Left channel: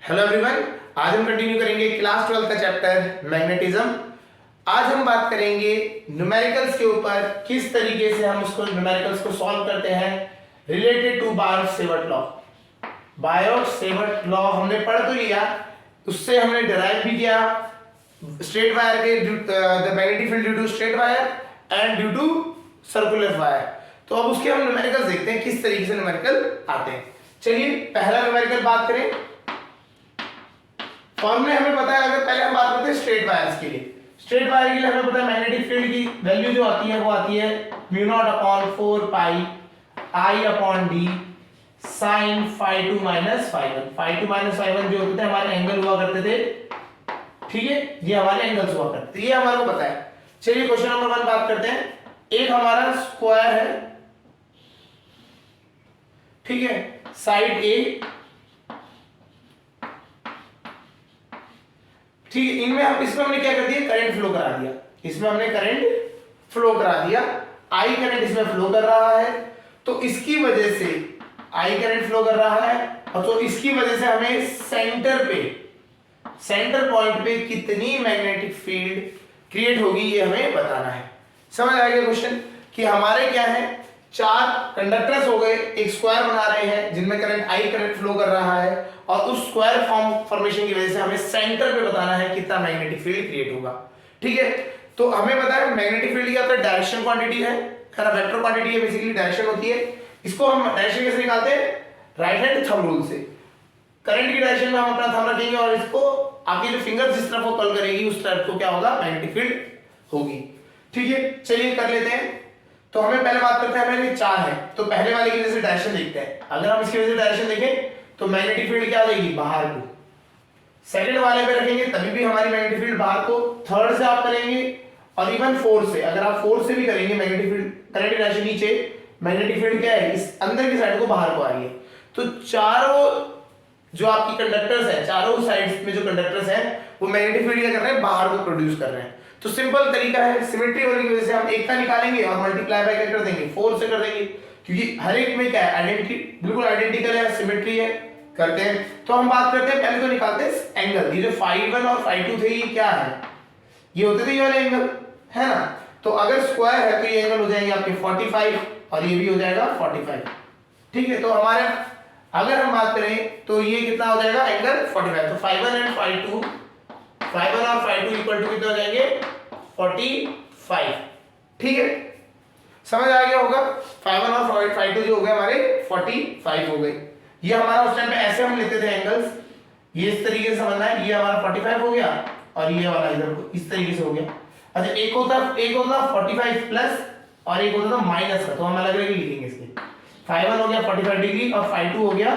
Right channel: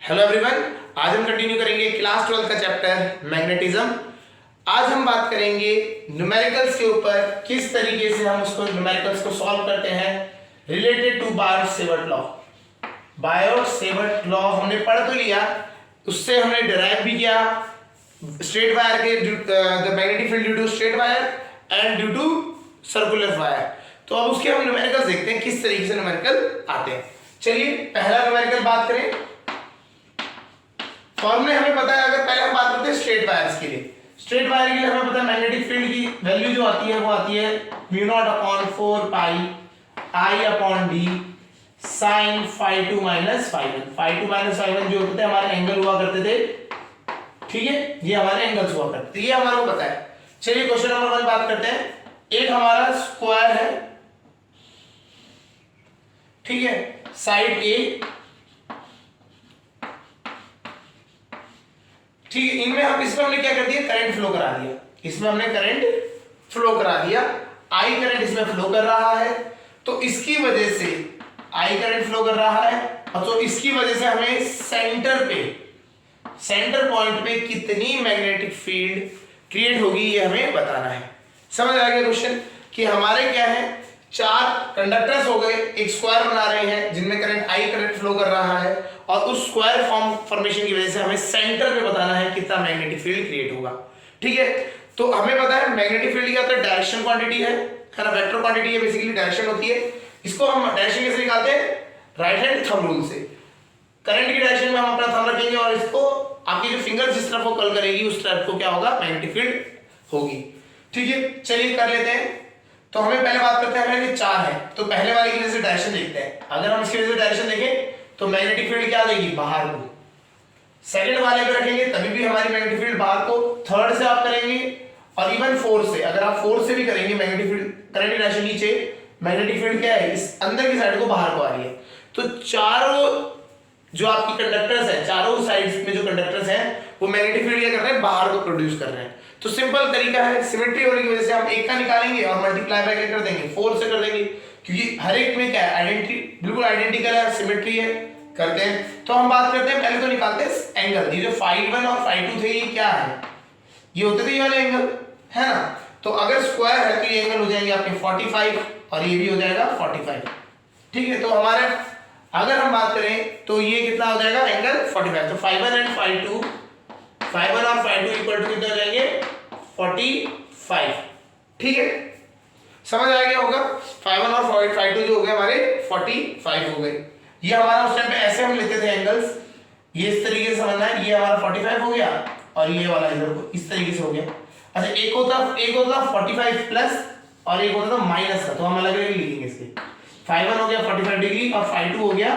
Hello everyone, आज हम continue करेंगे क्लास 12 का चैप्टर मैग्नेटिज्म। आज हम बात करेंगे न्यूमेरिकल्स के ऊपर, किस तरीके से हम उसको न्यूमेरिकल्स को सॉल्व करते हैं related to Biot Savart law. Biot Savart law हमने पढ़ तो लिया, उससे हमने डिराइव भी किया स्ट्रेट वायर के the magnetic field due to straight wire and due to circular wire. तो अब उसके हम न्यूमेरिकल्स देखते हैं किस तरीके से न्यूमेरिकल आते हैं। चलिए पहला न्यूमेरिकल बात करें। फॉर्मूले हमें पता है, अगर पहले हम बात करते हैं स्ट्रेट वायर्स के लिए। स्ट्रेट वायर के लिए हमें पता है मैग्नेटिक फील्ड की वैल्यू जो आती है वो आती है μ0/4 pi I upon d sin φ2 minus φ1। φ2 minus φ1 जो होते थे हमारे एंगल हुआ करते थे, ठीक है, ये हमारे एंगल्स हुआ करते थे, ये हमारे को पता है। चलिए क्वेश्चन नंबर 1 बात करते हैं। एक हमारा स्क्वायर है, ठीक है, साइड ए, ठीक है, इनमें हम इसमें हमने क्या कर दिया, करंट फ्लो करा दिया, इसमें हमने करंट फ्लो करा दिया, आई करंट इसमें फ्लो कर रहा है, तो इसकी वजह से आई करंट फ्लो कर रहा है, और तो इसकी वजह से हमें सेंटर पे, सेंटर पॉइंट पे कितनी मैग्नेटिक फील्ड क्रिएट होगी ये हमें बताना है। समझ आ गया क्वेश्चन कि हमारे क्या है, चार कंडक्टर्स हो गए, एक स्क्वायर बना रहे हैं जिनमें करंट आई करंट फ्लो कर रहा है, और उस स्क्वायर फॉर्मेशन की वजह से हमें सेंटर पे बताना है कितना मैग्नेटिक फील्ड क्रिएट होगा। ठीक है, तो हमें पता है मैग्नेटिक फील्ड क्या होता है, डायरेक्शन क्वांटिटी है ना, वेक्टर क्वांटिटी है, बेसिकली डायरेक्शन होती है। इसको हम डायरेक्शन कैसे निकालते हैं, राइट हैंड थंब रूल से। करंट की डायरेक्शन में हम अपना थंब रखेंगे और इसको आपकी जो फिंगर जिस तरफ वो कल करेगी उस तरफ को क्या होगा, मैग्नेटिक फील्ड होगी। ठीक है, चलिए कर लेते हैं। तो हमें पहले बात करते हैं, हमें चार है तो पहले वाले की वजह से डायरेक्शन देखते हैं। अगर हम इसकी वजह से डायरेक्शन देखें तो मैग्नेटिक फील्ड क्या देगी, बाहर को। सेकंड वाले पे रखेंगे तभी भी हमारी मैग्नेटिक फील्ड बाहर को। थर्ड से आप करेंगे और इवन फोर्थ से, अगर आप फोर्थ से भी करेंगे मैग्नेटिक फील्ड, करंट की डायरेक्शन नीचे, मैग्नेटिक फील्ड क्या है, इस अंदर की साइड को बाहर को आ रही है। तो चारों जो आपकी कंडक्टर्स है, चारों साइड्स में जो कंडक्टर्स हैं वो मैग्नेटिक फील्ड क्या कर रहे हैं, बाहर को प्रोड्यूस कर रहे हैं। तो सिंपल तरीका है, सिमेट्री होने की वजह से हम एक का निकालेंगे और मल्टीप्लाई बाय क्या कर देंगे, 4 से कर देंगे, क्योंकि हर एक में क्या है, आइडेंटिटी बिल्कुल आइडेंटिकल है, सिमेट्री है। करते हैं तो हम बात करते हैं, पहले तो निकालते हैं एंगल। ये जो φ1 और φ2 थे ये क्या है, ये होते थे ये वाले एंगल, है ना। तो अगर स्क्वायर है तो ये एंगल हो जाएंगे आपके 45 और ये भी हो जाएगा 45। ठीक है, तो हमारे अगर हम बात करें तो ये कितना हो जाएगा, एंगल 45। तो φ1 एंड φ2, φ1 और φ2 इक्वल टू कितने हो जाएंगे, 45। ठीक है, समझ आ गया होगा। φ1 और φ2 जो हो गए हमारे 45 हो गए। ये हमारा उस टाइम पे ऐसे हम लेते थे एंगल्स, ये इस तरीके से समझना है, ये हमारा 45 हो गया और ये वाला इधर को इस तरीके से हो गया। अच्छा, एक होता 45 प्लस और एक होता था माइनस का, तो हम अलग अलग लिखेंगे इसके। φ1 हो गया 45 डिग्री और φ2 हो गया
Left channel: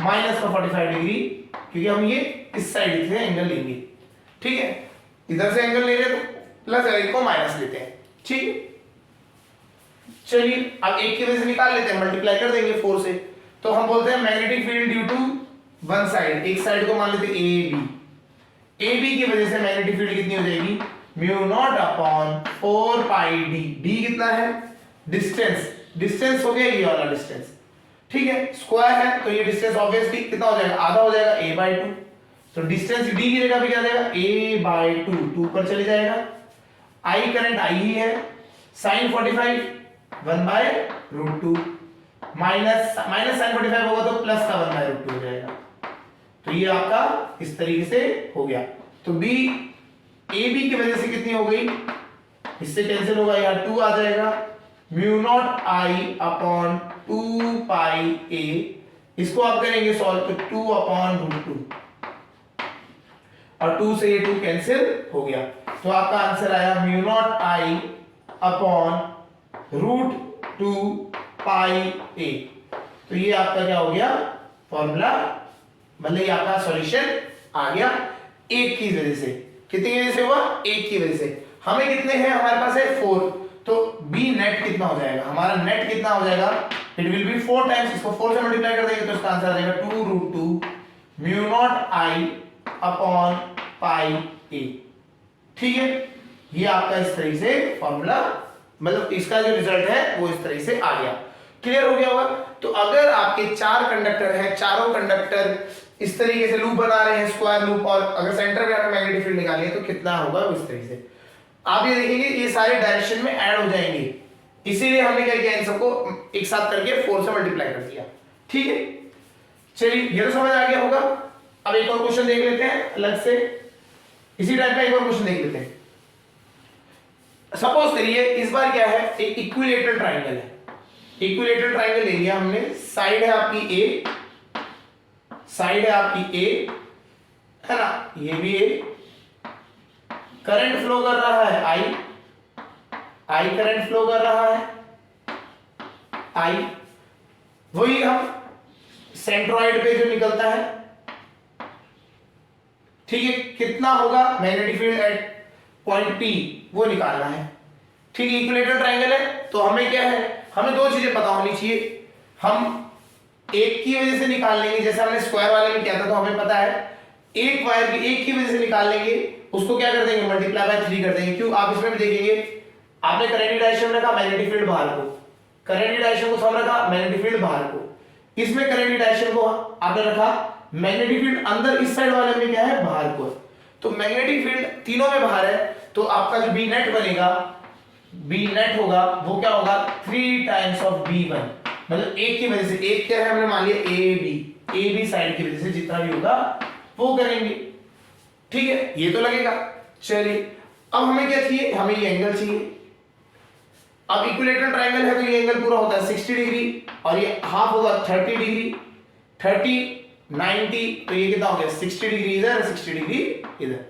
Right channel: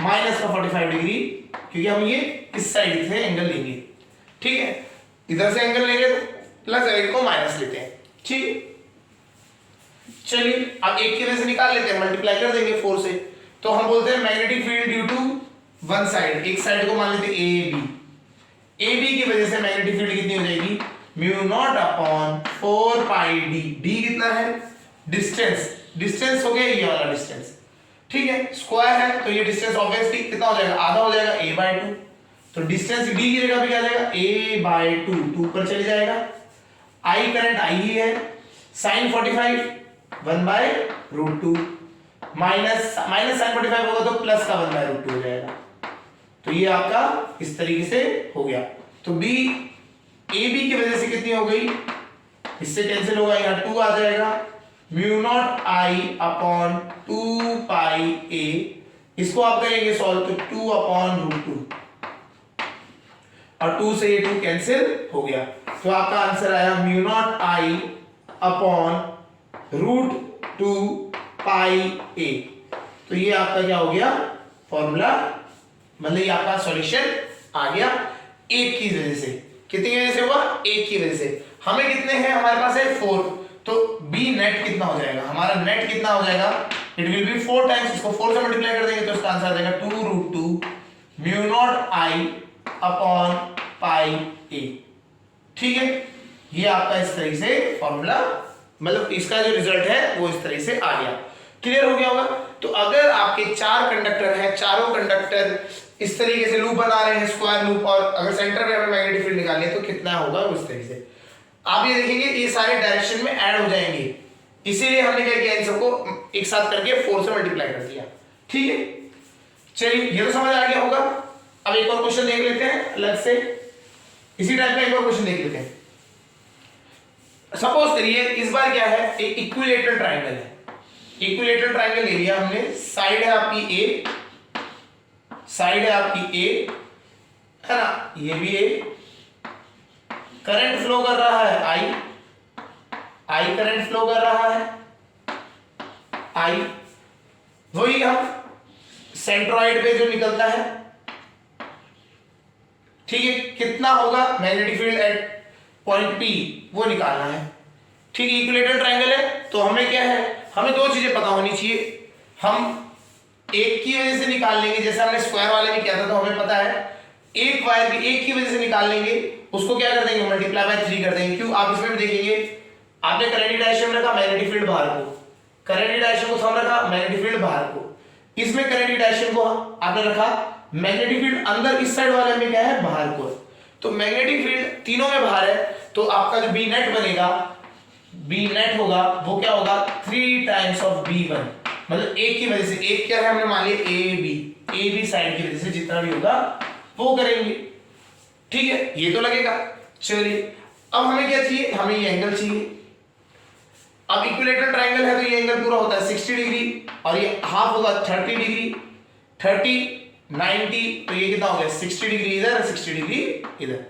माइनस का 45 डिग्री, क्योंकि हम ये इस साइड से एंगल लेंगे। ठीक है, इधर से एंगल लेंगे तो प्लस और एक को माइनस लेते हैं। ठीक है, चलिए अब एक की वजह से निकाल लेते हैं, मल्टीप्लाई कर देंगे 4 से। तो हम बोलते हैं magnetic field due to one side, एक साइड को मान लेते हैं ए बी। ए बी की वजह से मैग्नेटिक फील्ड कितनी हो जाएगी, μ0/4 पाई डी। डी कितना है, डिस्टेंस, डिस्टेंस हो गया ये वाला डिस्टेंस। ठीक है, स्क्वायर है तो ये डिस्टेंस ऑब्वियसली कितना हो जाएगा, आधा हो जाएगा, a/2। तो डिस्टेंस डी की जगह पे क्या आ जाएगा, a/2, 2 पर चले जाएगा। आई करंट आई ही है, sin 45 1/√2 माइनस sin 45 होगा तो प्लस का 1/√2 हो जाएगा। तो ये आपका इस तरीके से हो गया। तो बी ए बी की वजह से कितनी हो गई, इससे कैंसिल होगा, यहाँ 2 आ जाएगा, μ0I/2 पाई a। इसको आप करेंगे सॉल्व तो 2/√2 और 2 से ये 2 कैंसिल हो गया। तो आपका आंसर आया μ0I/√2 पाई a। तो ये आपका क्या हो गया, फॉर्मूला, मतलब ये आपका सॉल्यूशन आ गया। एक की वजह से, कितनी वजह से हुआ, एक की वजह से। हमें कितने हैं, हमारे पास है 4, तो बी नेट कितना हो जाएगा, हमारा नेट कितना हो जाएगा, इट विल बी 4 टाइम्स, इसको 4 से मल्टीप्लाई कर देंगे तो इसका आंसर आ जाएगा 2√2 μ0I/पाई a। ठीक है, ये आपका इस तरह से फॉर्मूला, मतलब इसका जो रिजल्ट है वो इस तरह से आ गया। क्लियर हो गया होगा। तो अगर आपके 4 कंडक्टर हैं, चारों कंडक्टर इस तरीके से लूप बना रहे हैं, स्क्वायर लूप, और अगर सेंटर में हमें मैग्नेटिक फील्ड निकालनी है तो कितना होगा उस तरीके से आप ये देखेंगे ये सारे डायरेक्शन में ऐड हो जाएंगे, इसीलिए हमने क्या किया इन सबको एक साथ करके 4 से मल्टीप्लाई कर दिया। ठीक है, चलिए ये तो समझ आ गया होगा। अब एक और क्वेश्चन देख लेते हैं अलग से, इसी टाइप का एक और क्वेश्चन देख लेते हैं। सपोज करिए इस बार क्या है, एक इक्विलेटरल ट्राइंगल है, इक्विलेटरल ट्राइंगल ले लिया हमने, साइड है आपकी ए, साइड है आपकी ए, है ना, ये भी ए, करंट फ्लो कर रहा है आई, आई करंट फ्लो कर रहा है आई, वही हम सेंट्रॉइड पे जो निकलता है, ठीक है, कितना होगा magnetic field at point P वो निकालना है। ठीक है, इक्विलेटरल ट्राइंगल है तो हमें क्या है, हमें दो चीजें पता होनी चाहिए। हम एक की वजह से निकाल लेंगे, जैसे हमने स्क्वायर वाले में किया था, तो हमें पता है एक वायर की एक की वजह से निकाल लेंगे, उसको क्या कर देंगे मल्टीप्लाई बाय 3 कर देंगे। क्यों, आप इसमें भी देखेंगे, आपने करंट डायरेक्शन रखा, मैग्नेटिक फील्ड बाहर को, करंट डायरेक्शन को सम रखा, मैग्नेटिक फील्ड बाहर को, इसमें करंट डायरेक्शन को आपने रखा, मैग्नेटिक फील्ड अंदर इस साइड वाले में क्या है बाहर को है, तो मैग्नेटिक फील्ड तीनों में बाहर है, तो आपका जो बी नेट बनेगा, बी नेट होगा वो क्या होगा 3 टाइम्स ऑफ B1, मतलब एक की वजह से, एक क्या है हमने मान लिया ए बी साइड की वजह से जितना भी होगा वो करेंगे। ठीक है, ये तो लगेगा। चलिए अब हमें क्या चाहिए, हमें ये एंगल चाहिए। अब इक्विलेटरल ट्राइंगल है तो ये एंगल पूरा होता है 60 डिग्री और ये हाफ होगा 30 डिग्री, 30 90, तो ये कितना हो गया 60 डिग्री इधर, 60 डिग्री इधर।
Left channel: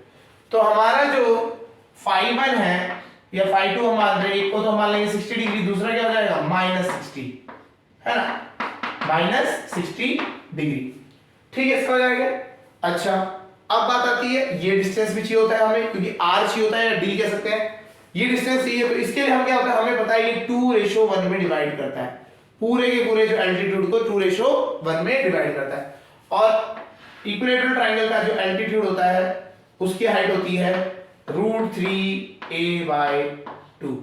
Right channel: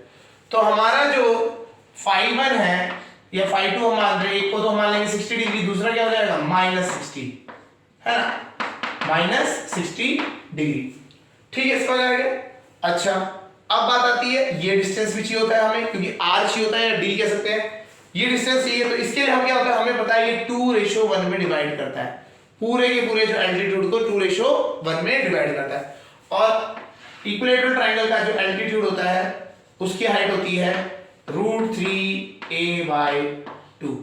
तो हमारा जो φ1 है या φ2 हम मान रहे हैं, एक को तो हम मान लेंगे 60 डिग्री, दूसरा क्या हो जाएगा -60, है ना, -60 डिग्री। ठीक है, इसका हो जाएगा। अच्छा अब बात आती है, ये डिस्टेंस भी चाहिए होता है हमें, क्योंकि r चाहिए होता है या d कह सकते हैं, ये डिस्टेंस चाहिए, तो इसके लिए हम क्या होता है, हमें पता है ये 2:1 में डिवाइड करता है, पूरे के पूरे जो एल्टीट्यूड को 2:1 में डिवाइड करता है। और इक्विलेटरल ट्राइंगल का जो एल्टीट्यूड होता है उसकी हाइट होती है √3a/2,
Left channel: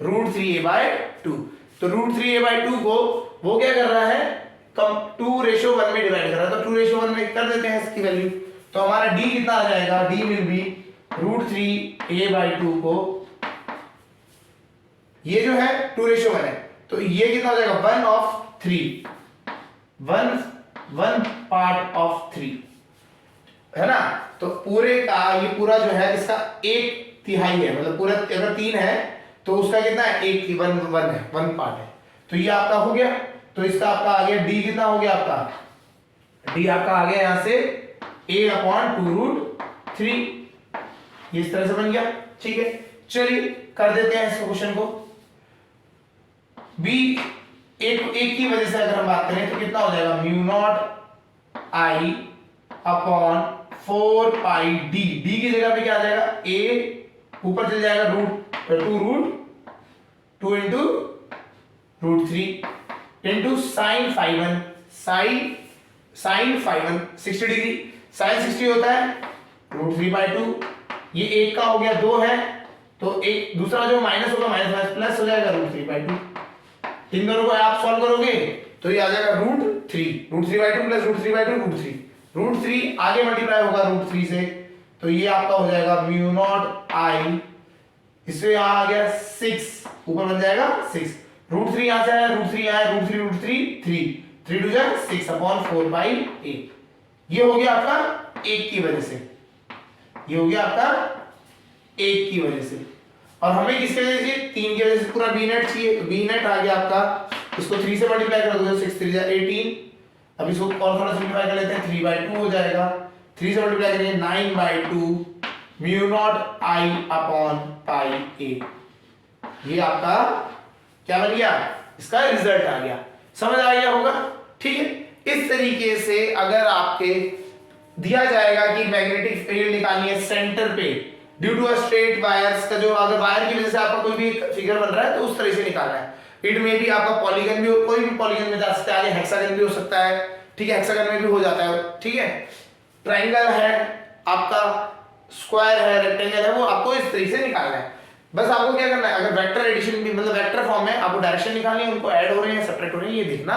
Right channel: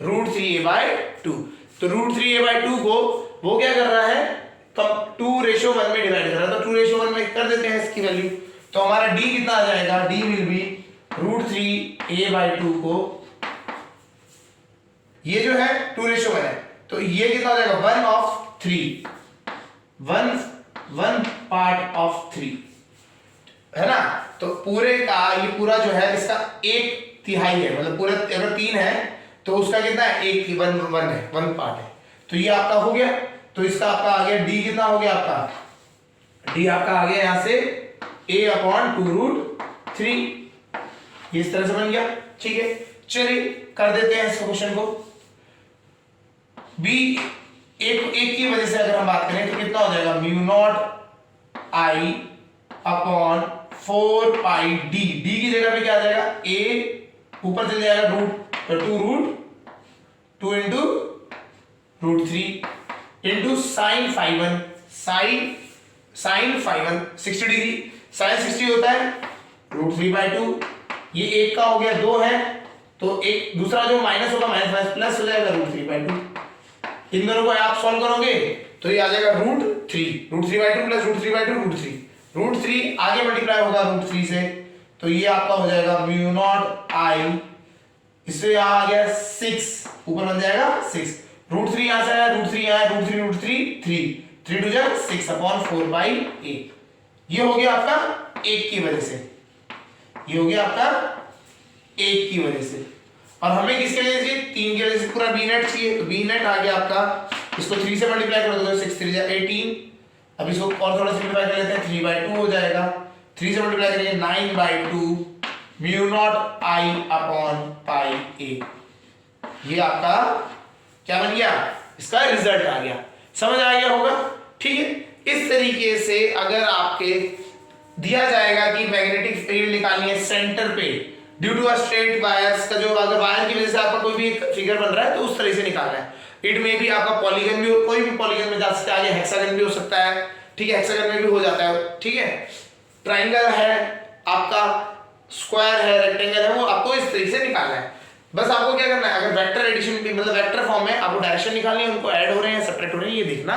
√3a/2। तो √3a/2 को वो क्या कर रहा है, कम 2:1 में डिवाइड कर रहा है, तो 2:1 में कर देते हैं इसकी वैल्यू, तो हमारा d कितना आ जाएगा, d विल बी √3a/2 को, ये जो है 2:1 है, तो ये कितना हो जाएगा 1/3, 1 पार्ट ऑफ 3, है ना। तो पूरे का ये पूरा जो है इसका 1/3 है, मतलब पूरा अगर 3 है तो उसका कितना है 1 है, 1 पार्ट है, तो ये आपका हो गया। तो इसका आपका आ गया d, कितना हो गया आपका d, आपका आ गया यहां से a/2√3, ये इस तरह से बन गया। ठीक है, चलिए कर देते हैं इस क्वेश्चन को। b एक की वजह से अगर हम बात करें तो कितना हो जाएगा μ0I/4πd, d की जगह पे क्या आ जाएगा a, ऊपर चल जाएगा √2 into √3 into sin φ1, sin φ1 60 degree, sin 60 होता है √3/2, ये एक का हो गया 2 है, तो एक दूसरा जो माइनस होगा माइनस प्लस हो जाएगा √3/2, इन दोनों को आप सॉल्व करोगे तो ये आ जाएगा √3/2 प्लस √3/2 √3 आगे मल्टीप्लाई होगा √3 से, तो ये आपका हो जाएगा μ0I, इससे यहां आ गया 6, ऊपर बन जाएगा 6, √3 यहां से आया, √3 आया, √3 3 2 6/4/8, ये हो गया आपका एक की वजह से, ये हो गया आपका एक की वजह से। और हमें किसके वजह से 3 की वजह से पूरा बी नेट चाहिए, तो बी नेट आ गया आपका, इसको 3 से मल्टीप्लाई कर दो 6 3 18, अब इसको और थोड़ा सिंपलीफाई कर लेते हैं, 3/2 हो जाएगा, 3 से मल्टीप्लाई करेंगे 9/2 μ0I/πa, ये आपका क्या बन गया, इसका रिजल्ट आ गया। समझ आ गया होगा। ठीक है, इस तरीके से अगर आपके दिया जाएगा कि मैग्नेटिक फील्ड निकालनी है सेंटर पे due to a straight wires का, जो अगर वायर की वजह से आपका कोई भी फिगर बन रहा है तो उस तरह से निकालना है। इट में भी आपका पॉलीगन भी, कोई भी पॉलीगन में जा सकता है, आगे हेक्सागन भी हो सकता है, ठीक है, हेक्सागन में भी हो जाता है, ठीक है, ट्राइंगल है आपका, स्क्वायर है, रेक्टेंगल है, वो आपको इस तरीके से निकालना है। बस आपको क्या करना है, अगर वेक्टर एडिशन भी मतलब वेक्टर फॉर्म में आपको डायरेक्शन निकालनी है, उनको ऐड हो रहे हैं सब्ट्रैक्ट हो रहे हैं, ये देखना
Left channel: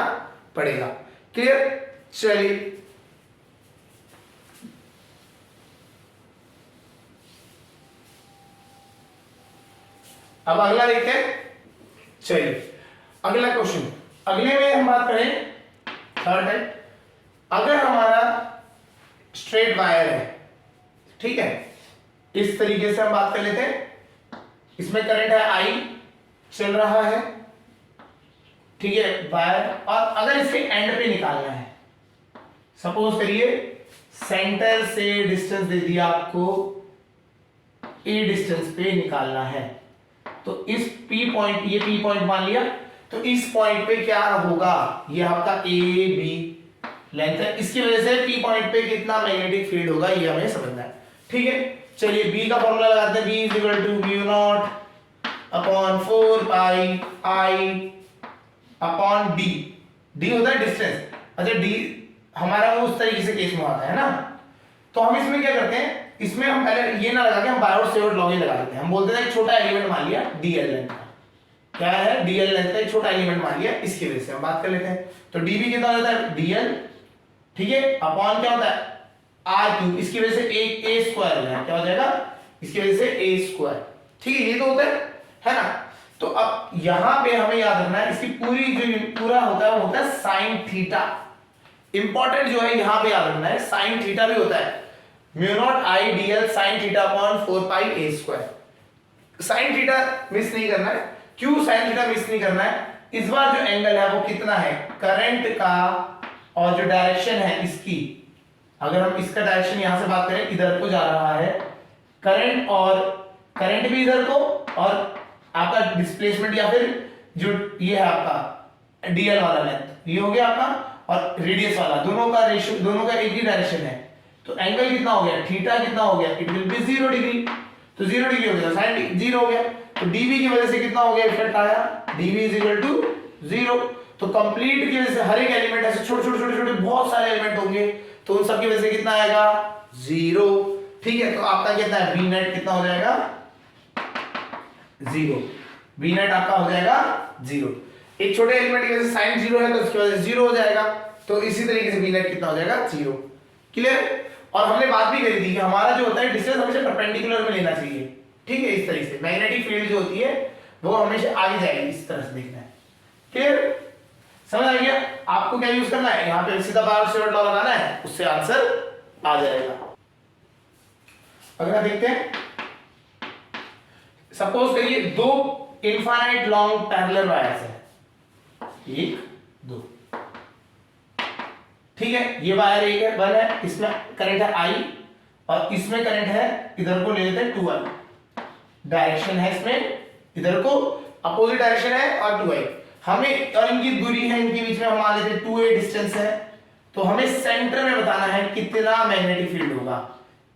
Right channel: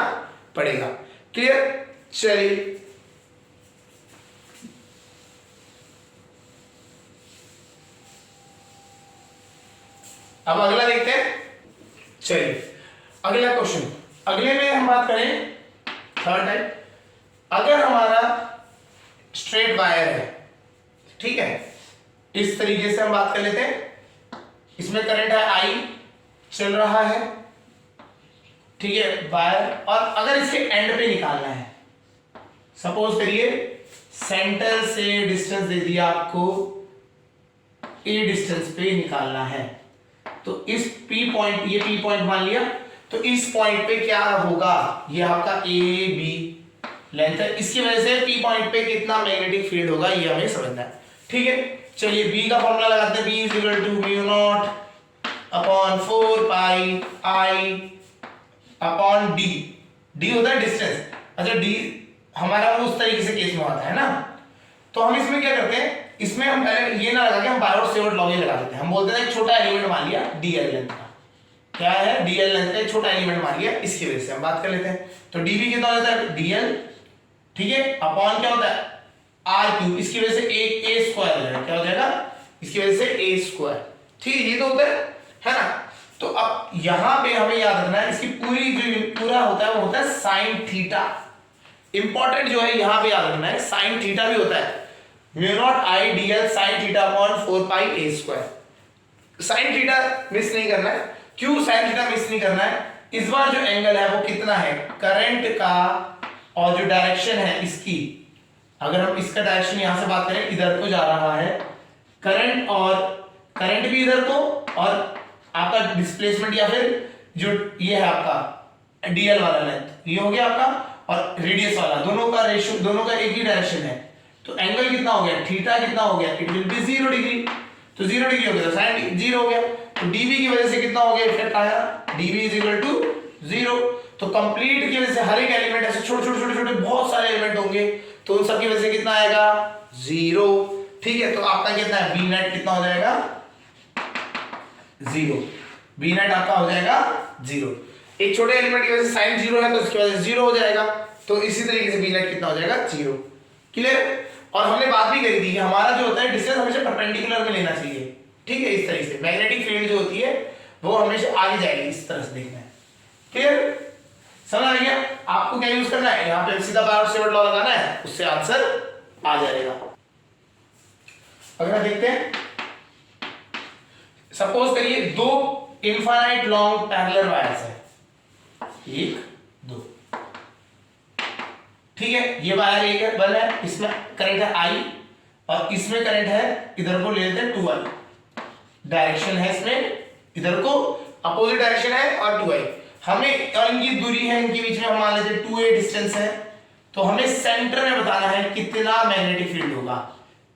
पड़ेगा। क्लियर, चलिए अब अगला देखते हैं। चलिए अगला क्वेश्चन, अगले में हम बात करें थर्ड है। अगर हमारा स्ट्रेट वायर है, ठीक है, इस तरीके से हम बात कर लेते हैं। इसमें करंट है आई चल रहा है, ठीक है, वायर, और अगर इसके एंड पे निकालना है, सपोज करिए सेंटर से डिस्टेंस दे दिया आपको, ए डिस्टेंस पे निकालना है, तो इस पी पॉइंट, ये पी पॉइंट मान लिया, तो इस पॉइंट पे क्या होगा, ये आपका ए बी लेंथ है, इसकी वजह से पी पॉइंट पे कितना मैग्नेटिक फील्ड होगा ये हमें समझना है, ठीक है। चलिए बी का फॉर्मूला लगाते हैं, B is equal to mu not upon 4 pi I upon D. D होता है डिस्टेंस, अच्छा डी हमारा उस तरीके से केस में आता है ना, तो हम इसमें क्या करते हैं, इसमें हम पहले ये ना लगा के हम बाय और सेवर्ट लॉ ही लगा देते हैं। हम बोलते हैं एक छोटा एलिमेंट मान लिया डीएल लेंथ का, क्या है डीएल लेंथ का एक छोटा एलिमेंट मान लिया, इसकी वजह से हम बात कर लेते हैं। तो डीबी कितना हो जाता है डीएल, ठीक है, अपॉन क्या होता है आर क्यूब, इसकी वजह से एक ए स्क्वायर हो जाएगा, क्या हो जाएगा इसकी वजह से ए स्क्वायर, ठीक है, ये तो होता है ना। तो अब यहां पे हमें याद रखना है, इसकी पूरी जो पूरा होता है वो होता है साइन थीटा। इंपॉर्टेंट जो है यहां पे याद रखना है, साइन थीटा भी होता है, mu not I DL sine theta upon 4 pi A square. Sine theta miss नहीं करना है, क्यों साइन थीटा मिस नहीं करना है, इस बार जो एंगल है वो कितना है करंट का, और जो डायरेक्शन है इसकी, अगर हम इसका डायरेक्शन यहां से बात करें इधर को जा रहा है करंट, और करंट भी इधर को, और आपका डिस्प्लेसमेंट या फिर जो ये है आपका डीएल वाला लेंथ ये हो गया आपका, और रेडियस वाला, दोनों का रेशियो, दोनों का एक ही डायरेक्शन है, तो एंगल कितना हो गया थीटा कितना हो गया, इट विल बी 0 डिग्री, तो 0 डिग्री हो गया, साइन 0 हो गया, तो डीवी की वजह से कितना हो गया इफेक्ट आया, डीवी इज इक्वल टू 0। तो कंप्लीट की वजह से हर एक एलिमेंट ऐसे छोटे छोटे छोटे छोटे बहुत सारे एलिमेंट होंगे, तो उन सब की वजह से कितना आएगा 0, ठीक है। तो आपका कितना है बी नेट कितना हो जाएगा 0, बी नेट आपका हो जाएगा 0, एक छोटे एलिमेंट की वजह से साइन 0 है तो इसकी वजह से 0 हो जाएगा, तो इसी तरीके से बी नेट कितना हो जाएगा 0, क्लियर। और हमने बात भी करी थी कि हमारा जो होता है डिस्टेंस हमेशा परपेंडिकुलर में लेना चाहिए, ठीक है, इस तरीके से मैग्नेटिक फील्ड जो होती है वो हमेशा आगे जाएगी, इस तरह से देखना है, क्लियर, समझ आ गया। आपको क्या यूज करना है, यहाँ पे सीधा बाय सेवर्ट लॉ लगाना है, उससे आंसर आ जाएगा। अगला देखते हैं, सपोज करिए दो इनफाइनाइट लॉन्ग पैरेलल वायर्स है, 1 2, ठीक है, ये वायर एक बल है, इसमें करंट है आई, और इसमें करंट है, इधर को ले लेते हैं 2i, डायरेक्शन है इसमें इधर को अपोजिट डायरेक्शन है, और 2i हमें, और इनकी दूरी है, इनके बीच में हम मान लेते हैं 2a डिस्टेंस है, तो हमें सेंटर में बताना है कितना मैग्नेटिक फील्ड होगा,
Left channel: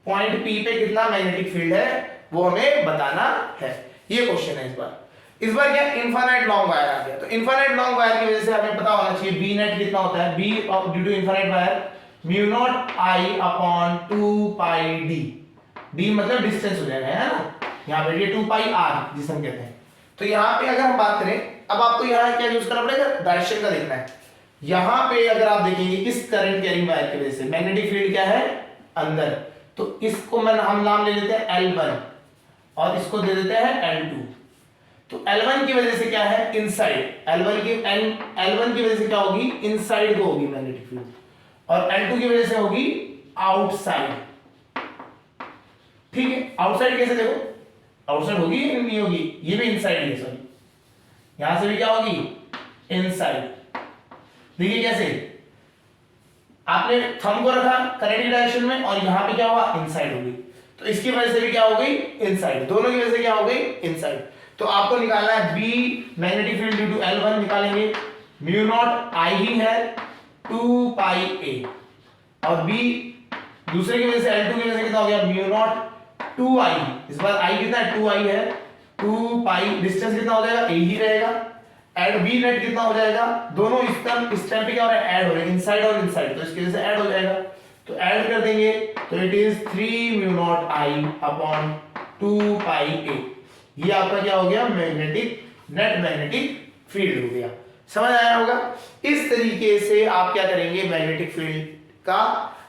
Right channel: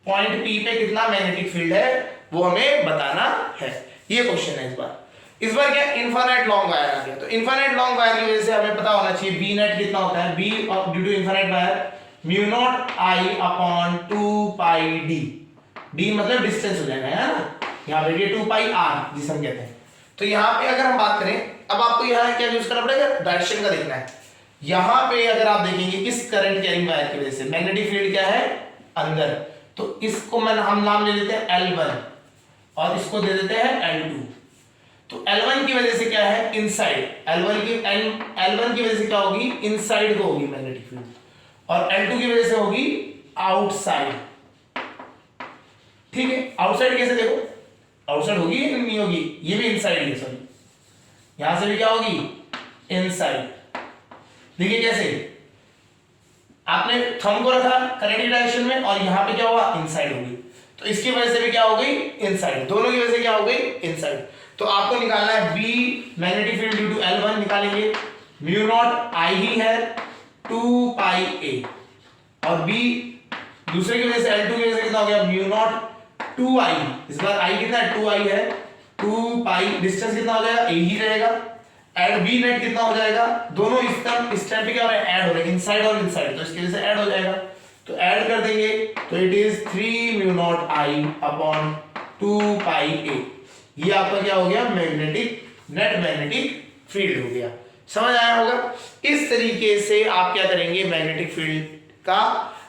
पॉइंट P पे कितना मैग्नेटिक फील्ड है वो हमें बताना है, ये क्वेश्चन है इस बार क्या इनफाइनाइट लॉन्ग वायर आ गया, तो इनफाइनाइट लॉन्ग वायर की वजह से हमें पता होना चाहिए बी नेट कितना होता है, B of due to infinite wire mu not I upon 2 pi D, D मतलब डिस्टेंस हो जाएगा, है ना, यहाँ पे ये 2 पाई आर जिसे हम कहते हैं। तो यहाँ पे अगर हम बात करें, अब आपको यहाँ क्या यूज करना पड़ेगा, डायरेक्शन का देखना है। यहाँ पे अगर आप देखेंगे इस करंट कैरिंग वायर की वजह से मैग्नेटिक फील्ड क्या है अंदर, तो इसको हम नाम ले लेते हैं L1 और इसको दे देते हैं L2। तो L1 की वजह से क्या है इनसाइड, L1 की वजह से क्या होगी इनसाइड को होगी मैग्नेटिक फील्ड, और L2 की वजह से होगी आउटसाइड, ठीक है। आउटसाइड कैसे देखो, आउटसाइड होगी या नहीं होगी, ये भी इनसाइड है, सॉरी यहां से भी क्या होगी इनसाइड, देखिए कैसे आपने थंब को रखा करंट की डायरेक्शन में, और यहां पे क्या हुआ इनसाइड होगी, तो इसकी वजह से भी क्या हो गई इनसाइड, दोनों की वजह से क्या हो गई इनसाइड। तो आपको निकालना है B magnetic field due to L1 निकालेंगे, म्यू नॉट आई ही है 2 पाई ए, और बी दूसरे की वजह से L2 की वजह से कितना हो गया म्यू नॉट 2i, इस बार i कितना है 2i है, 2 पाई डिस्टेंस कितना हो जाएगा a ही रहेगा, ऐड बी नेट कितना हो जाएगा, दोनों इस टाइम पे क्या हो रहा है ऐड हो रहा है इनसाइड और इनसाइड, तो इसकी वजह से ऐड हो जाएगा, तो ऐड कर देंगे तो it is 3 mu not I upon 2 पाई ए, ये आपका क्या हो गया मैग्नेटिक नेट मैग्नेटिक फील्ड हो गया, समझ आया होगा। इस तरीके से आप क्या करेंगे मैग्नेटिक फील्ड का,